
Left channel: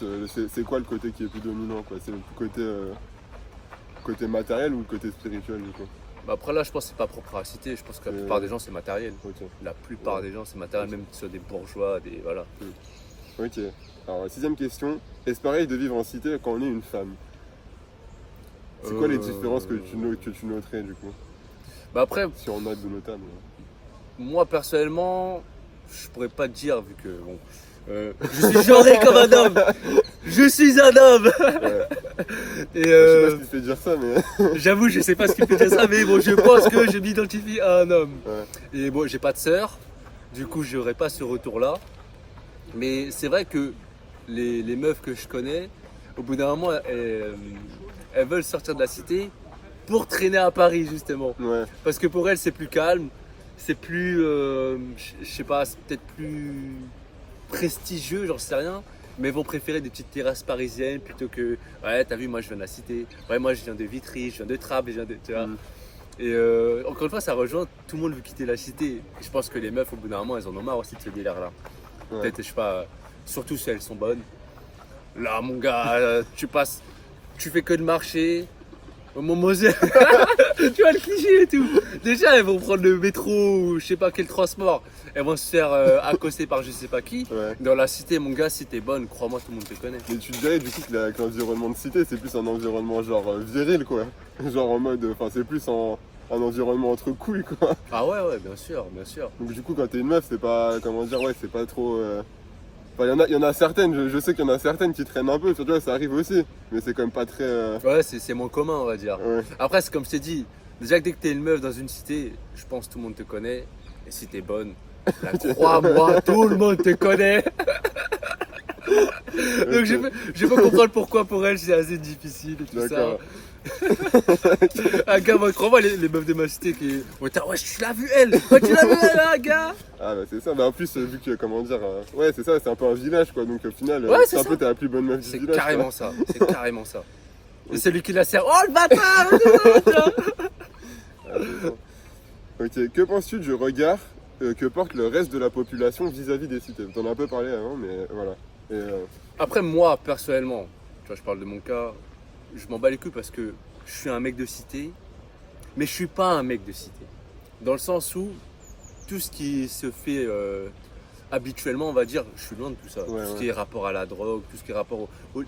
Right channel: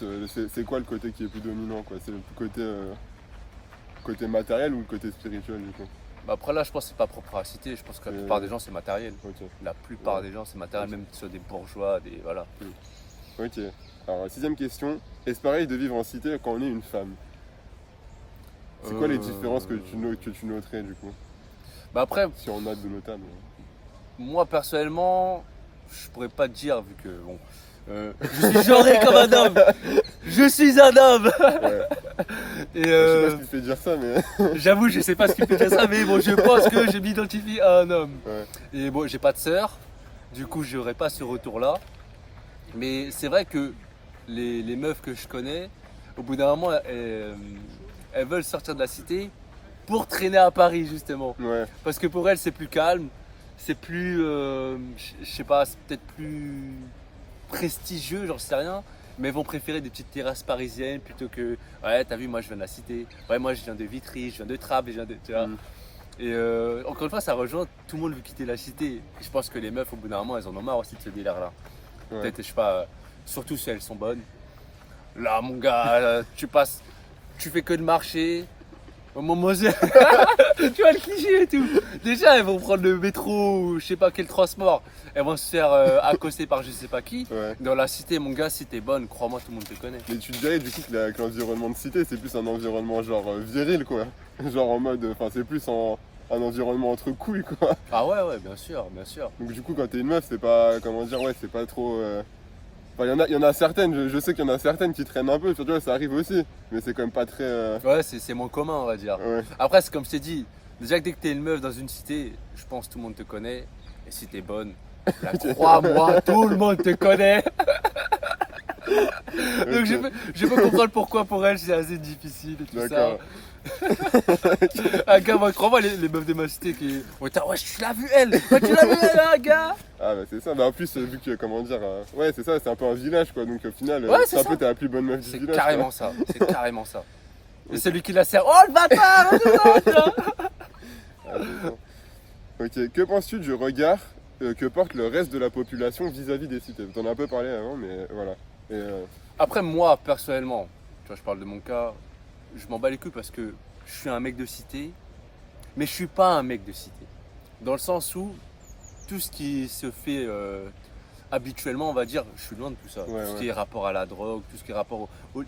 C'est quoi le côté qui est plus dominant, quoi? C'est le côté matériel ou le côté spirituel, du coup? bah après là, je pense que c'est pas propre à la cité. Je pense que la plupart des gens, c'est matériel. Ok. La plupart des gens, c'est matériel, même sur des bourgeois, des voilà. Ok. Alors, 6ème question. Est-ce pareil de vivre en cité quand on est une femme? C'est quoi les différences que tu noterais, du coup? Bah après, Si on note de notables. moi personnellement, je pourrais pas te dire vu que bon, je suis genré comme un homme. Je suis un homme. Ouais. Et Je sais pas ce qui te fait dire ça, mais. j'avoue, je sais pas ce qui peut dire ça, mais bon, je pense que je m'identifie à un homme. Ouais. Et bon, j'ai pas de sœur, Du coup, j'aurais pas ce retour-là. Mais c'est vrai que les meufs que je connais, au bout d'un moment, elles veulent sortir de la cité pour traîner à Paris, justement. Ouais. Parce que pour elles, c'est plus calme, c'est plus, je sais pas, c'est peut-être plus prestigieux, j'en sais rien. Mais elles vont préférer des petites terrasses parisiennes plutôt que, ouais, t'as vu, moi je viens de la cité, ouais, moi je viens de Vitry, je viens de Trappes, je viens de, tu vois. Mm. Et encore une fois, ça rejoint, tout le monde veut quitter la cité. Et je pense que les meufs, au bout d'un moment, elles en ont marre aussi de ce délire-là. Ouais. Peut-être, je sais pas, surtout si elles sont bonnes. Là, mon gars, tu passes, tu fais que de marcher. Au moment où tu vois le cliché et tout. Déjà, elles vont prendre le métro ou je sais pas quel transport. Elles vont se faire accoster par je sais pas qui. Ouais. Dans la cité, mon gars, si t'es bonne, crois-moi, tout le monde te connaît. Mais tu te dirais du coup que l'environnement de cité c'est plus un environnement genre viril quoi. Genre en mode, enfin c'est plus un environnement entre couilles quoi. Ah ouais, ouais, bien sûr, bien sûr. Donc du coup quand t'es une meuf c'est pas, comment dire, ouais c'est pas trop... Enfin il y en a certaines, je sais qu'il y en a certaines qui traînent un peu, surtout ça arrive aussi. Mais c'est quand même pas très... Ouais, c'est moins commun, on va dire. Ouais. Après, c'est comme je t'ai dit, déjà que dès que t'es une meuf dans une cité, je pense que tout le monde te connaît. Et si t'es bonne, là, crois-moi, tout le monde te connaît. Donc je peux comprendre pourquoi pour elle c'est assez difficile et tout ça. D'accord. Ah gars, moi, crois-moi, les meufs de ma cité qui... Ouais, tu l'as vu elle. Ouais, tu l'as vu elle, hein, gars. Ah bah c'est ça, bah en plus vu que comment dire, ouais c'est ça, c'est un peu un village quoi, donc au final Ouais, c'est c'est un ça. peu t'es la plus bonne meuf du C'est village. carrément ça, c'est carrément ça. Et celui qui la sert, oh le bâtard, c'est ça, tu vois. Ah, c'est ça. Ok, que penses-tu du regard que porte le reste de la population vis-à-vis des cités? T'en as un peu parlé avant, mais voilà. Et, Après, moi, personnellement, tu vois, je parle de mon cas, je m'en bats les couilles parce que je suis un mec de cité, mais je suis pas un mec de cité. Dans le sens où tout ce qui se fait habituellement, on va dire, je suis loin de tout ça. Ouais, Tout ce ouais. qui est rapport à la drogue, tout ce qui est rapport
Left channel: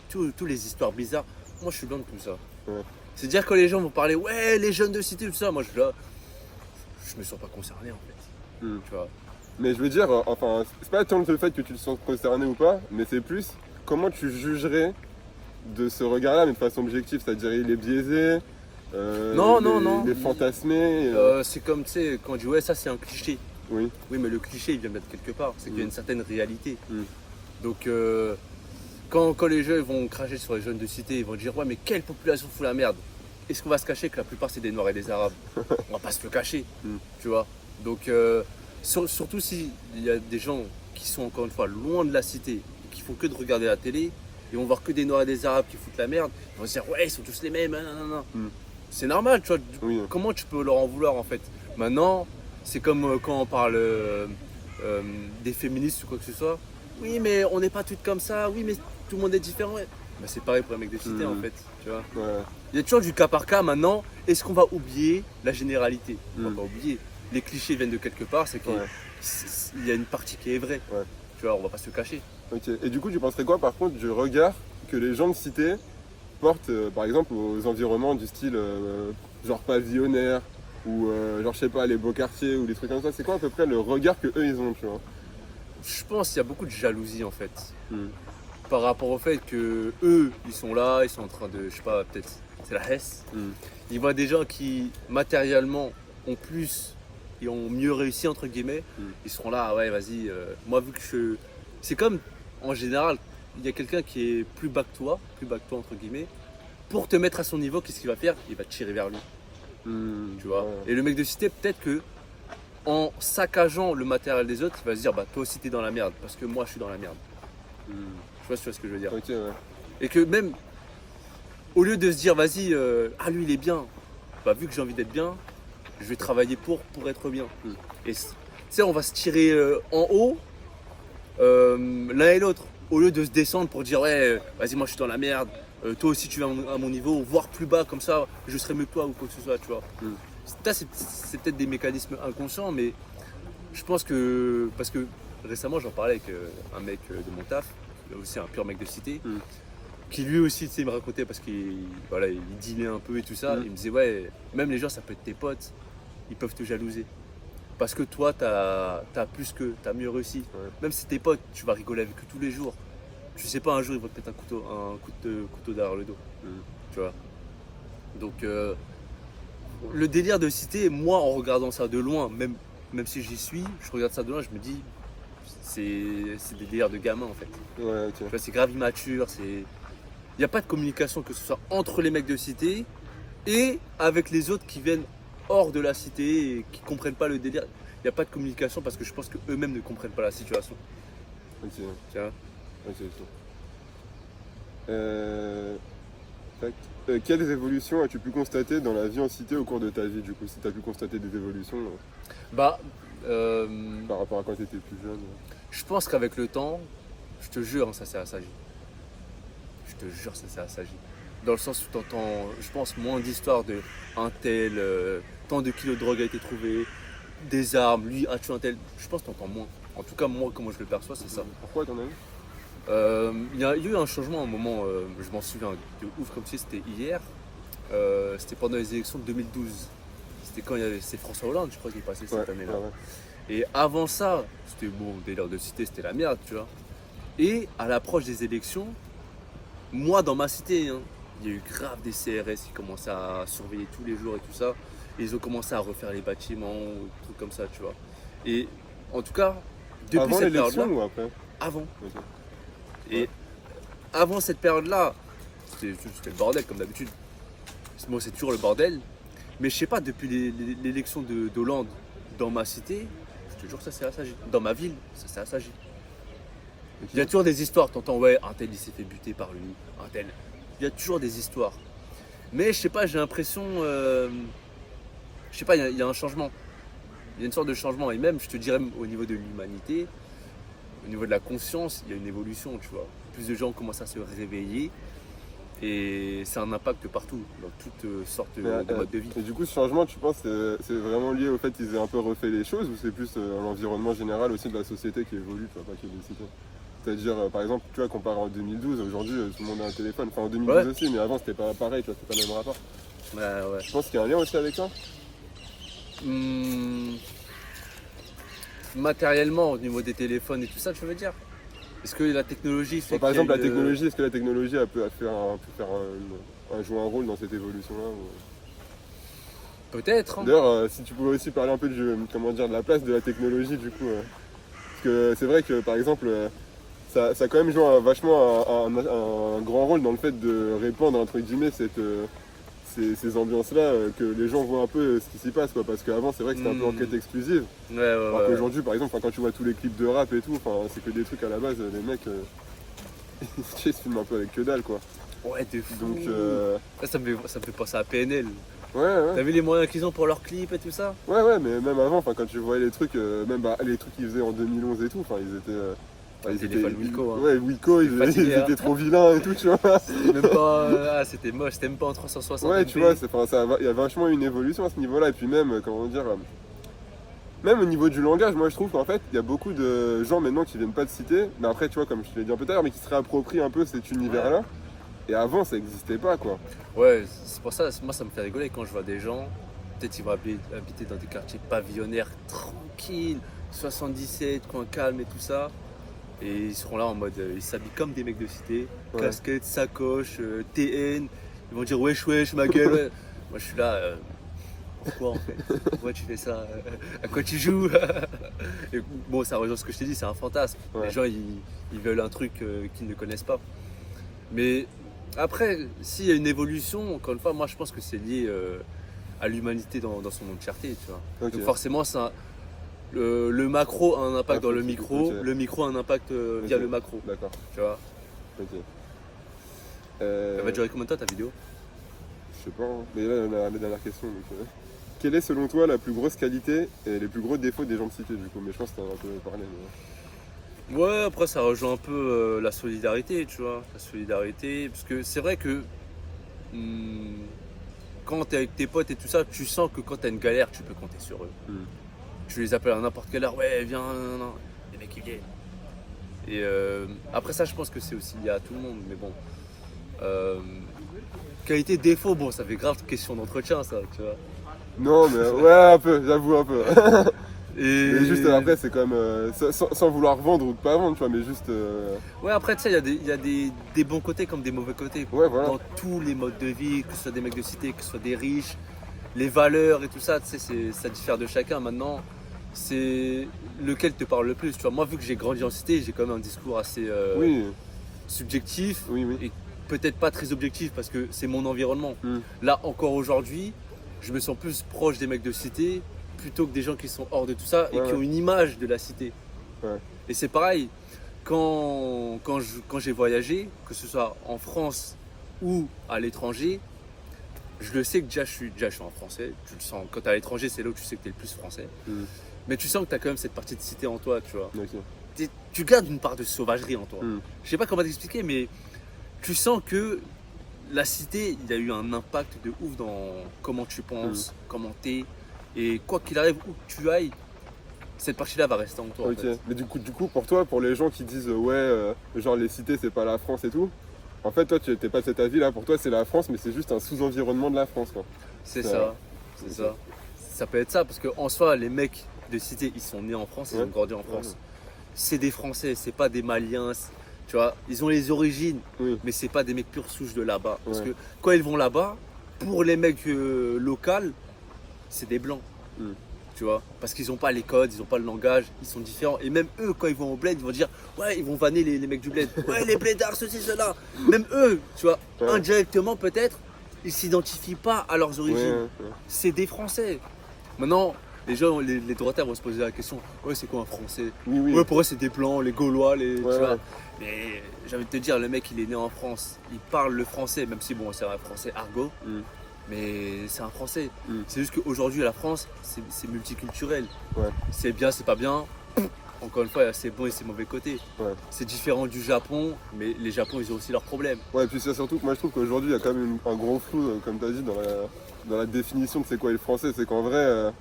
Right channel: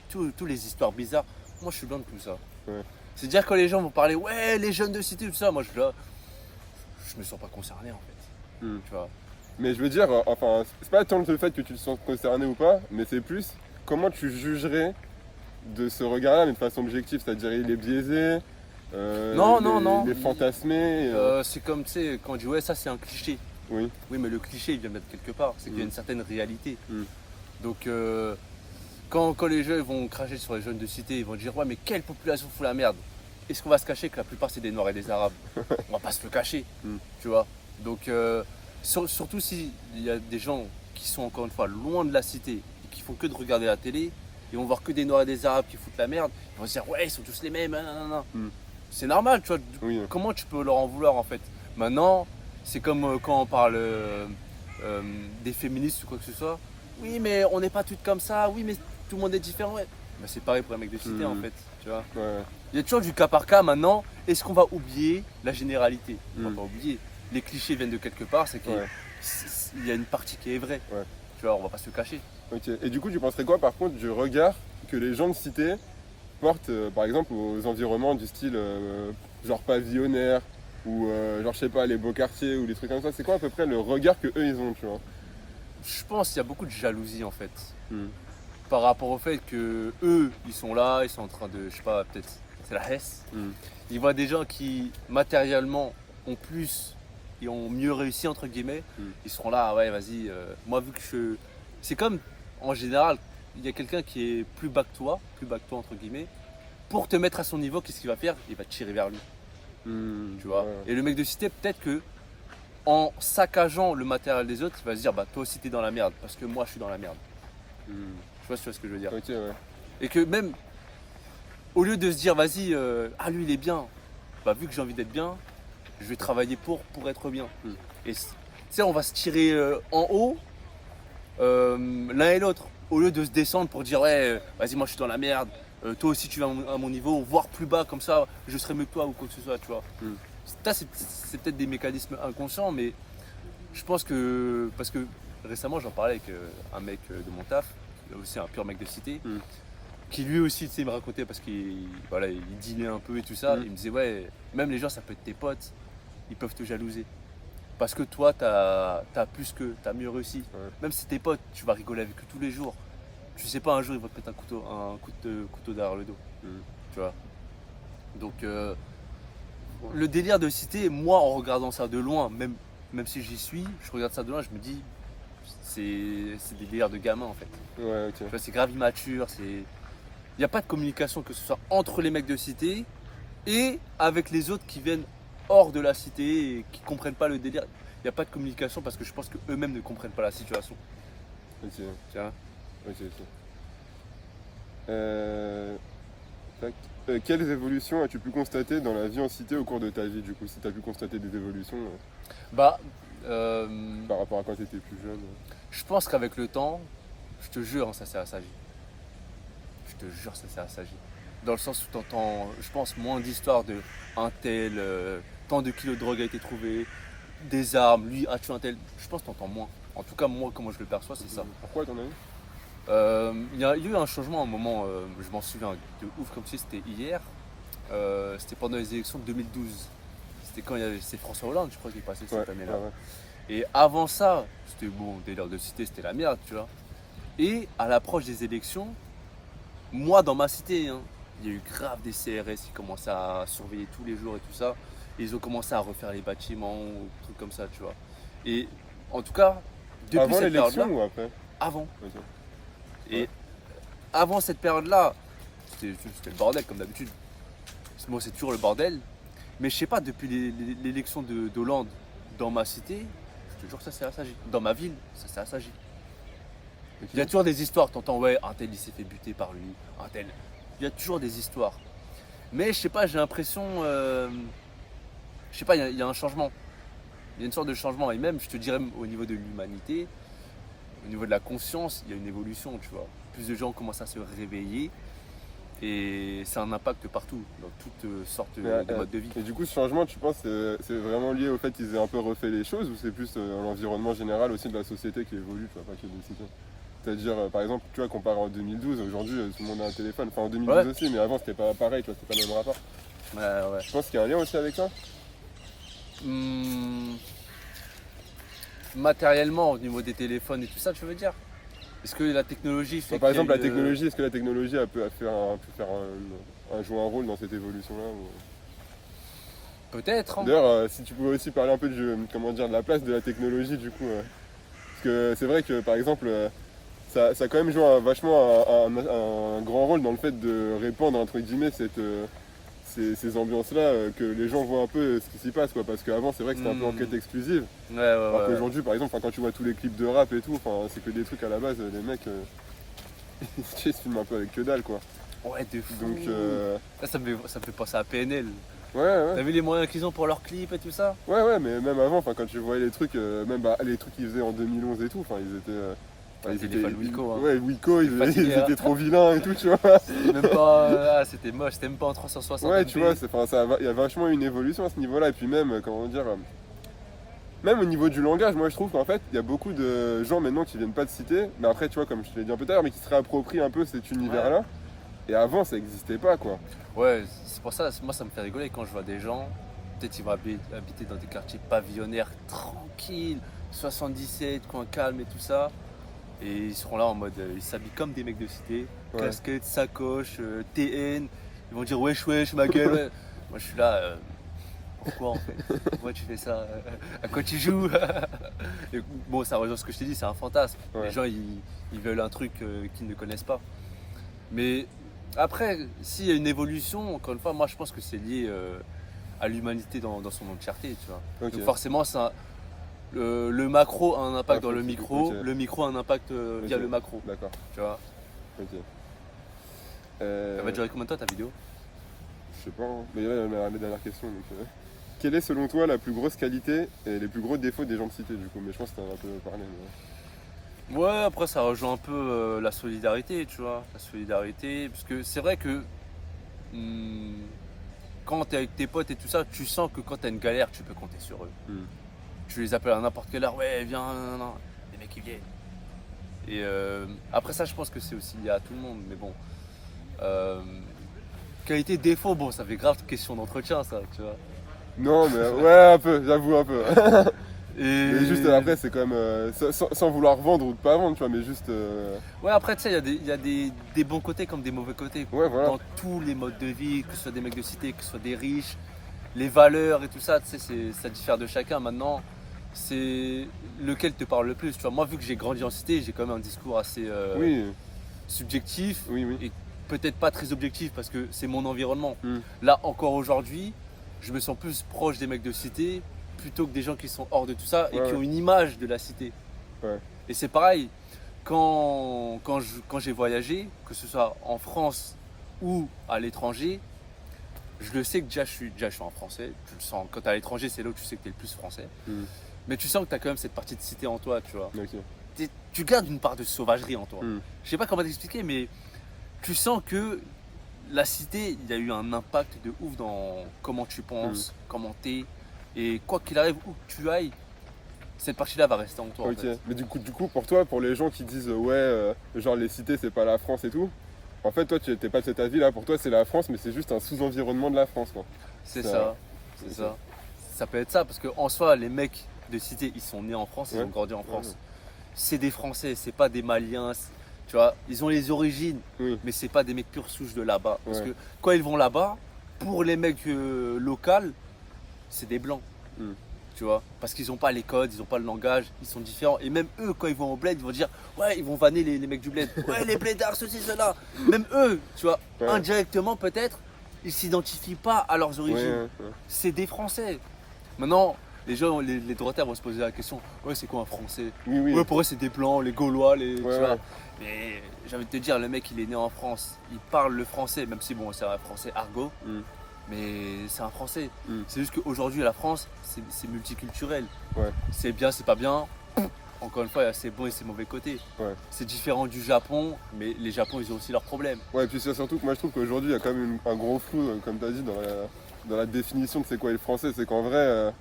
tous les histoires bizarres, moi je suis loin de tout ça. Ouais. C'est-à-dire quand les gens vont parler, ouais, les jeunes de cité, tout ça, moi je suis là, je me sens pas concerné en fait. Hmm. Tu vois. Mais je veux dire, enfin, c'est pas tant le fait que tu te sens concerné ou pas, mais c'est plus comment tu jugerais de ce regard-là, mais de façon objective, c'est-à-dire il est biaisé, Non. il est fantasmé. C'est comme, tu sais, quand on dit, ouais, ça c'est un cliché. Oui. Oui, mais le cliché, il vient mettre quelque part. C'est qu'il y a une certaine réalité. Mm. Donc, quand les jeunes vont cracher sur les jeunes de cité, ils vont dire, ouais, mais quelle population fout la merde? Est-ce qu'on va se cacher que la plupart, c'est des Noirs et des Arabes? On va pas se le cacher, Mm. tu vois. Donc, surtout s'il y a des gens qui sont, encore une fois, loin de la cité, qui font que de regarder la télé, ils vont voir que des Noirs et des Arabes qui foutent la merde, ils vont se dire, ouais, ils sont tous les mêmes, non. Mm. C'est normal, tu vois. Oui. Comment tu peux leur en vouloir, en fait? Maintenant, c'est comme quand on parle des féministes ou quoi que ce soit. Oui, mais on n'est pas toutes comme ça. Oui, mais tout le monde est différent. Ouais. Bah, c'est pareil pour un mec de cité en fait. Tu vois. Ouais. Il y a toujours du cas par cas maintenant. Est-ce qu'on va oublier la généralité? On va pas oublier. Les clichés viennent de quelque part. C'est qu'il Ouais. y a une partie qui est vraie. Ouais. Tu vois, on va pas se le cacher. Ok. Et du coup, tu penserais quoi par contre du regard que les gens de cité portent, par exemple, aux environnements du style genre pavillonnaire ou genre je sais pas les beaux quartiers ou des trucs comme ça? C'est quoi à peu près le regard que eux ils ont, tu vois? Je pense qu'il y a beaucoup de jalousie en fait. Mm. Par rapport au fait que eux, ils sont là, ils sont en train de, je sais pas, peut-être c'est la Hesse. Mm. Ils voient des gens qui matériellement ont plus et ont mieux réussi entre guillemets. Mm. Ils seront là, ah ouais, vas-y. Moi vu que c'est comme en général, il y a quelqu'un qui est plus bas que toi entre guillemets. Pour te mettre à son niveau, qu'est-ce qu'il va faire? Il va te tirer vers lui, Mm. tu vois. Ouais. Et le mec de cité, peut-être que en saccageant le matériel des autres, il va se dire, bah toi aussi t'es dans la merde parce que moi je suis dans la merde. Mm. Tu vois ce que je veux dire? Ok, ouais. Et que même, au lieu de se dire, vas-y, ah lui il est bien, bah vu que j'ai envie d'être bien, je vais travailler pour être bien. Mm. Et tu sais, on va se tirer en haut, l'un et l'autre, au lieu de se descendre pour dire, ouais, vas-y, moi je suis dans la merde, toi aussi tu vas à mon niveau, voire plus bas, comme ça, je serai mieux que toi ou quoi que ce soit, tu vois. Mm. Ça, c'est peut-être des mécanismes inconscients, mais je pense que, parce que récemment j'en parlais avec un mec de mon taf, aussi un pur mec de cité, Mm. qui lui aussi, tu sais, me racontait parce qu'il voilà, il dînait un peu et tout ça. Mm. Il me disait, ouais, même les gens, ça peut être tes potes, ils peuvent te jalouser. Parce que toi, t'as t'as mieux réussi. Ouais. Même si tes potes, tu vas rigoler avec eux tous les jours. Tu sais pas, un jour, ils vont te mettre un couteau derrière le dos. Mm. Tu vois. Donc, le délire de cité, moi, en regardant ça de loin, même même si j'y suis, je regarde ça de loin, je me dis, c'est des délires de gamins en fait. Ouais, ok. Tu vois, c'est grave immature, il n'y a pas de communication, que ce soit entre les mecs de cité et avec les autres qui viennent hors de la cité et qui comprennent pas le délire. Il n'y a pas de communication parce que je pense qu'eux-mêmes ne comprennent pas la situation. Ok, Tu vois. ok, ok. Tac. Quelles évolutions as-tu pu constater dans la vie en cité au cours de ta vie, du coup, si tu as pu constater des évolutions Bah, par rapport à quand tu étais plus jeune je pense qu'avec le temps, je te jure, hein, ça s'est assagi. Je te jure, ça s'est assagi. Dans le sens où tu entends, je pense, moins d'histoires de un tel, tant de kilos de drogue a été trouvé, des armes, lui a tué un tel. Je pense que tu entends moins. En tout cas, moi, comment je le perçois, c'est ça. Pourquoi, à ton avis Il y a eu un changement à un moment, je m'en souviens de ouf comme si c'était hier. C'était pendant les élections de 2012. C'était quand c'est François Hollande, je crois, qui est passé cette année-là. ouais. Et avant ça, c'était bon, délire de cité, c'était la merde, tu vois. Et à l'approche des élections, moi dans ma cité, hein, il y a eu grave des CRS qui commençaient à surveiller tous les jours et tout ça. Et ils ont commencé à refaire les bâtiments, des trucs comme ça, tu vois. Et en tout cas, depuis Avant cette l'élection période-là, ou après avant. Ok. Et avant cette période-là, c'était le bordel comme d'habitude. Moi, c'est toujours le bordel. Mais je sais pas, depuis l'élection d'Hollande dans ma cité, je te jure que ça s'est assagi. Dans ma ville, ça s'est assagi. Ok. Il y a toujours des histoires. T'entends, ouais, un tel il s'est fait buter par lui, un tel. Il y a toujours des histoires. Mais je sais pas, j'ai l'impression. Je sais pas, il y a un changement. Il y a une sorte de changement. Et même, je te dirais, au niveau de l'humanité, au niveau de la conscience, il y a une évolution, tu vois. Plus de gens commencent à se réveiller. Et ça a un impact partout, dans toutes sortes de modes de vie. Et du coup, ce changement, tu penses, c'est vraiment lié au fait qu'ils aient un peu refait les choses ou c'est plus l'environnement général aussi de la société qui évolue, tu vois, pas que des cités. C'est-à-dire, par exemple, tu vois, comparé en 2012, aujourd'hui, tout le monde a un téléphone. Enfin, en 2012 aussi, mais avant, c'était pas pareil, tu vois, c'était pas le même rapport. Ouais. Je pense qu'il y a un lien aussi avec ça. Matériellement, au niveau des téléphones et tout ça, tu veux dire? Est-ce que la technologie fait Par exemple, qu'il y a la technologie, est-ce que la technologie elle peut jouer un rôle dans cette évolution-là Peut-être, hein. D'ailleurs, si tu pouvais aussi parler un peu de la place de la technologie, du coup. Parce que c'est vrai que, par exemple, ça a quand même joué vachement un grand rôle dans le fait de répandre, entre guillemets, ces ambiances-là, que les gens voient un peu ce qui s'y passe, quoi. Parce qu'avant, c'est vrai que c'était un peu enquête exclusive. Ouais. Alors qu'aujourd'hui, par exemple, quand tu vois tous les clips de rap et tout, c'est que des trucs à la base, les mecs, ils se filment un peu avec que dalle, quoi. Ouais, de fou. Donc, Ça me fait penser à PNL. ouais. T'as vu les moyens qu'ils ont pour leurs clips et tout ça? Ouais, mais même avant, quand tu voyais les trucs, même les trucs qu'ils faisaient en 2011 et tout, ils étaient. Téléphone Wiko, hein. Ouais, Wiko, ils Fatigué, étaient trop vilains et tout, tu vois. Même pas. C'était moche, c'était même pas en 360. Ouais, tu vois, il y a vachement une évolution à ce niveau-là. Et puis même, même au niveau du langage, moi je trouve qu'en fait, il y a beaucoup de gens maintenant qui viennent pas de cité, mais après, tu vois, comme je te l'ai dit un peu tout à l'heure, mais qui se réapproprient un peu cet univers-là. Et avant, ça n'existait pas, quoi. Ouais, c'est pour ça, moi ça me fait rigoler quand je vois des gens, peut-être ils vont habiter dans des quartiers pavillonnaires tranquilles, 77, coin calme et tout ça. Et ils seront là en mode, ils s'habillent comme des mecs de cité, casquette, sacoche, TN. Ils vont dire wesh ma gueule. Ouais. Moi je suis là, pourquoi en fait? Pourquoi tu fais ça? À quoi tu joues? Et bon, ça rejoint ce que je t'ai dit, c'est un fantasme. Ouais. Les gens ils veulent un truc qu'ils ne connaissent pas. Mais après, s'il y a une évolution, encore une fois, moi je pense que c'est lié à l'humanité dans son entièreté, tu vois. Ok. Donc forcément, le macro a un impact dans le ok. micro, le micro a un impact via le macro, D'accord, tu vois. ok. Elle va durer combien de temps ta vidéo? Je sais pas, hein. Mais là, on a la dernière question. Donc, quelle est selon toi la plus grosse qualité et les plus gros défauts des gens de cité, du coup? Mais je pense que t'en as un peu parlé. Mais... Ouais, après ça rejoint un peu la solidarité, tu vois. La solidarité, parce que c'est vrai que quand t'es avec tes potes et tout ça, tu sens que quand t'as une galère, tu peux compter sur eux. Tu les appelles à n'importe quelle heure, ouais, viens, non. Les mecs ils viennent. Et après ça, je pense que c'est aussi lié à tout le monde, mais bon. Qualité, défaut, bon, ça fait grave question d'entretien, ça, tu vois. Non, mais ouais, un peu, j'avoue un peu. Et Mais juste après, c'est quand même sans vouloir vendre ou pas vendre, tu vois, mais juste. Ouais, après, tu sais, il y a des bons côtés comme des mauvais côtés. Ouais, voilà. Dans tous les modes de vie, que ce soit des mecs de cité, que ce soit des riches, les valeurs et tout ça, tu sais, ça diffère de chacun. Maintenant, c'est lequel te parle le plus. Tu vois, moi, vu que j'ai grandi en cité, j'ai quand même un discours assez Oui, subjectif oui, oui. et peut-être pas très objectif parce que c'est mon environnement. Mm. Là, encore aujourd'hui, je me sens plus proche des mecs de cité plutôt que des gens qui sont hors de tout ça et Ouais, qui ouais. ont une image de la cité. Ouais. Et c'est pareil, quand j'ai voyagé, que ce soit en France ou à l'étranger, je le sais que déjà je suis un Français. Tu le sens. Quand tu es à l'étranger, c'est là où tu sais que tu es le plus français. Mm. Mais tu sens que tu as quand même cette partie de cité en toi, tu vois. Ok. Tu gardes une part de sauvagerie en toi. Mm. Je sais pas comment t'expliquer, mais tu sens que la cité, il y a eu un impact de ouf dans comment tu penses, comment t'es. Et quoi qu'il arrive, où que tu ailles, cette partie-là va rester en toi. Ok, En fait. mais du coup, pour toi, pour les gens qui disent ouais, genre les cités c'est pas la France et tout, en fait, toi, tu n'es pas de cet avis là, pour toi, c'est la France, mais c'est juste un sous-environnement de la France, quoi. C'est Ça- ça, c'est ça. Ça peut être ça, parce qu'en soi, les mecs de cité, ils sont nés en France, ils Ouais. ont grandi en France. Ouais. C'est des Français, c'est pas des Maliens. Tu vois, ils ont les origines, Oui, mais c'est pas des mecs pure souche de là-bas. Parce Ouais. que quand ils vont là-bas, pour les mecs locaux, c'est des blancs. Mm. Tu vois, parce qu'ils n'ont pas les codes, ils n'ont pas le langage, ils sont différents. Et même eux, quand ils vont au bled, ils vont dire ouais, ils vont vanner les mecs du bled. Ouais, les blédards, ceci, cela. Même eux, tu vois, Ouais. indirectement peut-être, ils s'identifient pas à leurs origines. ouais, ouais. C'est des Français. Maintenant, les gens, les droitiers vont se poser la question ouais, c'est quoi un Français? Oui, oui. Ouais, pour eux, c'est des Blancs, les Gaulois, tu Ouais, vois. ouais. Mais j'ai envie de te dire, le mec, il est né en France, il parle le français, même si bon, c'est un français argot, Mm. mais c'est un français. Mm. C'est juste qu'aujourd'hui, la France, c'est multiculturel. Ouais. C'est bien, c'est pas bien. Encore une fois, il y a ses bons et ses mauvais côtés. Ouais. C'est différent du Japon, mais les Japon, ils ont aussi leurs problèmes. Ouais, et puis c'est surtout que moi je trouve qu'aujourd'hui il y a quand même un gros flou, comme tu as dit, dans la définition de c'est quoi le français. C'est qu'en vrai,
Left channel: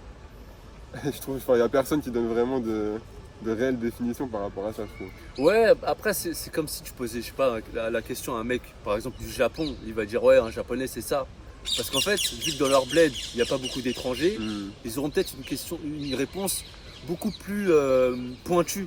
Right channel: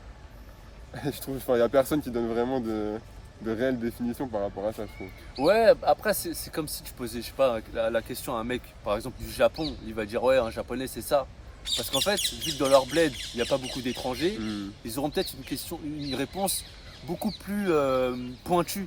je trouve il n'y a personne qui donne vraiment de réelle définition par rapport à ça, je trouve. Ouais, après, c'est comme si tu posais, je sais pas, la question à un mec, par exemple, du Japon. Il va dire, ouais, un japonais, c'est ça. Parce qu'en fait, vu que dans leur bled, il n'y a pas beaucoup d'étrangers, Mm. ils auront peut-être une réponse beaucoup plus pointue.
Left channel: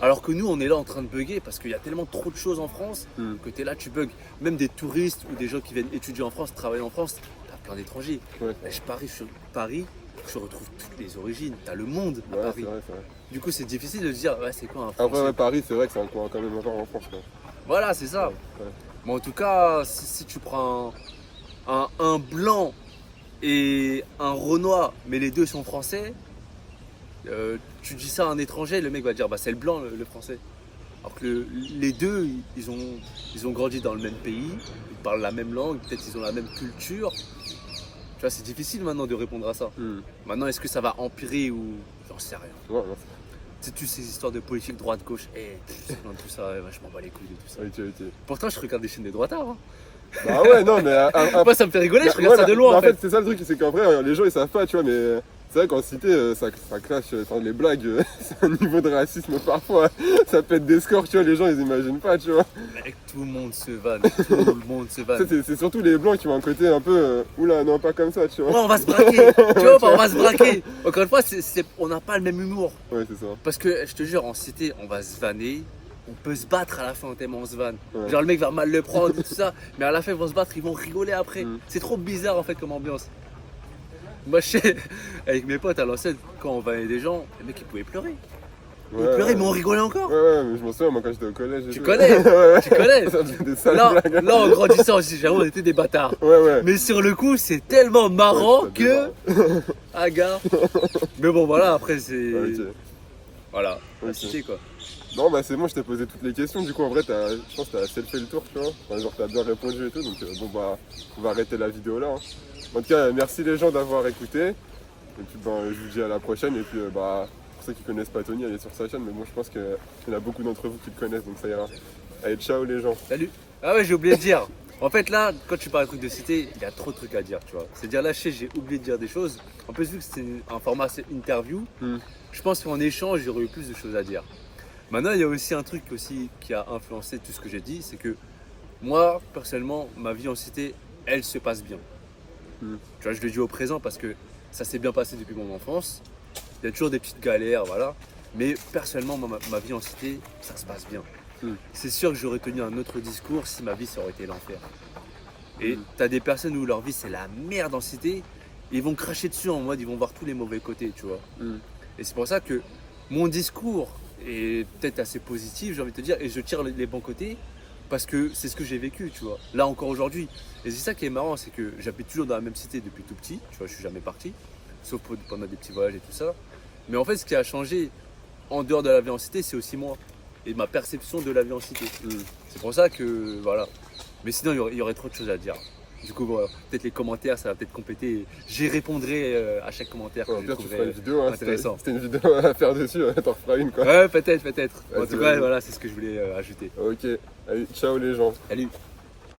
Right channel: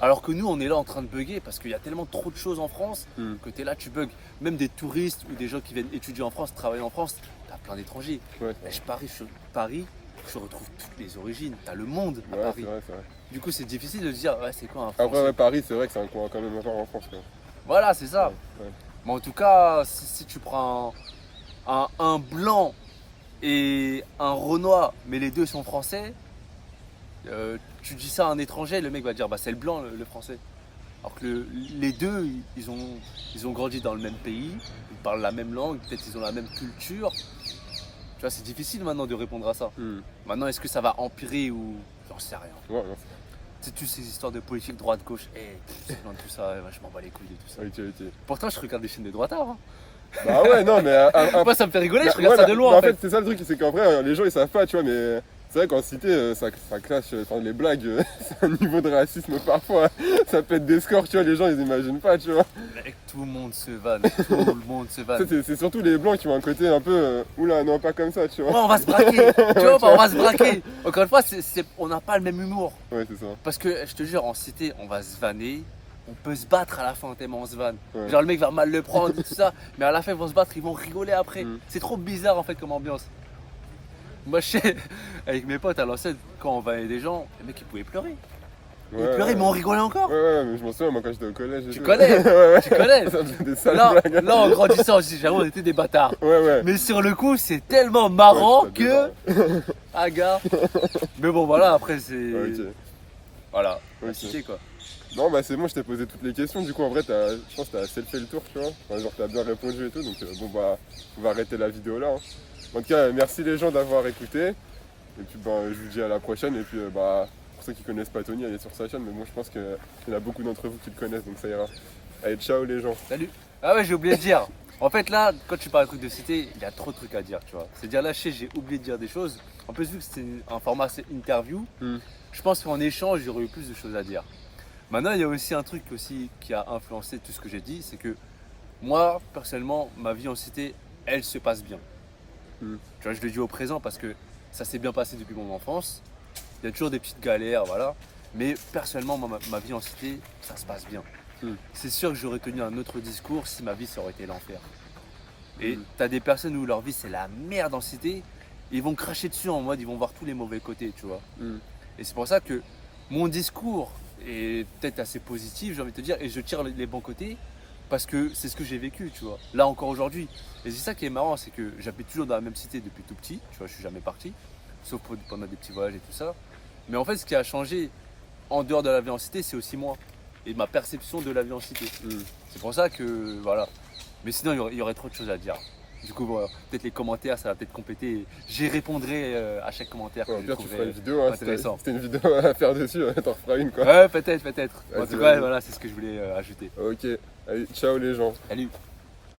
Alors que nous, on est là en train de bugger parce qu'il y a tellement trop de choses en France Mm. que tu es là, tu bugs. Même des touristes ou des gens qui viennent étudier en France, travailler en France, t'as plein d'étrangers. Ouais. Là, je parie sur Paris, je retrouve toutes les origines. T'as le monde à Ouais, Paris. c'est vrai, c'est vrai. Du coup, c'est difficile de se dire, ouais, c'est quoi un Français? Après, ouais, Paris, c'est vrai que c'est un coin quand même encore en France, quoi. Voilà, c'est ça. Ouais, ouais. Mais en tout cas, si tu prends un blanc et un Renoir, mais les deux sont français, tu dis ça à un étranger, le mec va dire bah c'est le blanc le français. Alors que les deux, ils ont grandi dans le même pays, ils parlent la même langue, peut-être ils ont la même culture. Tu vois, c'est difficile maintenant de répondre à ça. Mm. Maintenant, est-ce que ça va empirer ou j'en sais rien. Ouais, non, C'est toutes ces histoires de politique droite-gauche, tout ça, je m'en bats les couilles de tout ça. ok, ok. Pourtant, je regarde des chaînes des droitards. Hein. Bah ouais, non, mais Moi, ça me fait rigoler, je regarde ouais, ça de loin. mais En en fait, fait. c'est ça le truc, c'est qu'en vrai, les gens ils savent pas, tu vois, mais c'est vrai qu'en cité, ça clash, enfin, les blagues, c'est un niveau de racisme parfois, ça pète des scores, tu vois, les gens ils imaginent pas, tu vois. Mec, tout le monde se vanne, tout le monde se vanne. C'est surtout les blancs qui ont un côté un peu, oula, non, pas comme ça, tu vois. Ouais, on va se braquer, tu vois, on va se braquer. Encore une fois, on n'a pas le même humour. Ouais, c'est ça. Parce que, je te jure, en cité, on va se vanner, on peut se battre à la fin tellement on se vanne. Ouais. Genre, le mec va mal le prendre et tout ça, mais à la fin, ils vont se battre, ils vont rigoler après. Mm. C'est trop bizarre en fait comme ambiance. Moi, je sais, avec mes potes à l'ancienne, quand on vannait des gens, les mecs ils pouvaient pleurer. Ils Ouais, pleuraient, mais on rigolait encore. Ouais, mais je m'en souviens, moi quand j'étais au collège. et Tu tout. connais, Ouais, ouais. tu connais. Ça faisait des sales Là, blagues. là, en grandissant aussi, j'avoue, on était des bâtards. Ouais. Mais sur le coup, c'est tellement marrant Ouais, que. c'était Ah, gars. Mais bon, voilà, après, c'est. Ouais, ok. Voilà, la Ok. cité quoi. Non, bah c'est bon, je t'ai posé toutes les questions. Du coup, en vrai, je pense que t'as assez fait le tour, tu vois. Enfin, genre, t'as bien répondu et tout. Donc, bon, bah, on va arrêter la vidéo là. Hein. En tout cas, merci les gens d'avoir écouté. Et puis, bah, je vous dis à la prochaine. Et puis, bah, pour ceux qui connaissent pas Tony, allez sur sa chaîne. Mais bon, je pense qu'il y en a beaucoup d'entre vous qui le connaissent, donc ça ira. Allez, ciao les gens. Salut. Ah ouais, j'ai oublié de dire. En fait, là, quand tu parles de trucs de cité, il y a trop de trucs à dire, tu vois. C'est-à-dire, là, j'ai oublié de dire des choses. En plus, vu que c'est un format assez interview, Mm. je pense qu'en échange, j'aurais eu plus de choses à dire. Maintenant, il y a aussi un truc aussi qui a influencé tout ce que j'ai dit, c'est que moi, personnellement, ma vie en cité, elle se passe bien. Mm. Tu vois, je le dis au présent parce que ça s'est bien passé depuis mon enfance. Il y a toujours des petites galères, voilà. Mais personnellement, ma vie en cité, ça se passe bien. Mm. C'est sûr que j'aurais tenu un autre discours si ma vie, ça aurait été l'enfer. Et Mm. t'as des personnes où leur vie, c'est la merde en cité. Ils vont cracher dessus en mode, ils vont voir tous les mauvais côtés, tu vois. Mm. Et c'est pour ça que mon discours est peut-être assez positif, j'ai envie de te dire, et je tire les bons côtés parce que c'est ce que j'ai vécu, tu vois, là encore aujourd'hui. Et c'est ça qui est marrant, c'est que j'habite toujours dans la même cité depuis tout petit, tu vois, je suis jamais parti, sauf pendant des petits voyages et tout ça. Mais en fait, ce qui a changé en dehors de la vie en cité, c'est aussi moi et ma perception de la vie en cité. C'est pour ça que, voilà. Mais sinon, il y aurait trop de choses à dire. Du coup, voilà, peut-être les commentaires, ça va peut-être compléter. J'y répondrai à chaque commentaire que Au je pire, tu feras trouverai une vidéo, hein, intéressant. c'était une vidéo à faire dessus, t'en feras une quoi. Ouais, peut-être. En Vas-y, tout cas, vas-y. voilà, c'est ce que je voulais ajouter. Ok, allez, ciao les gens. Salut.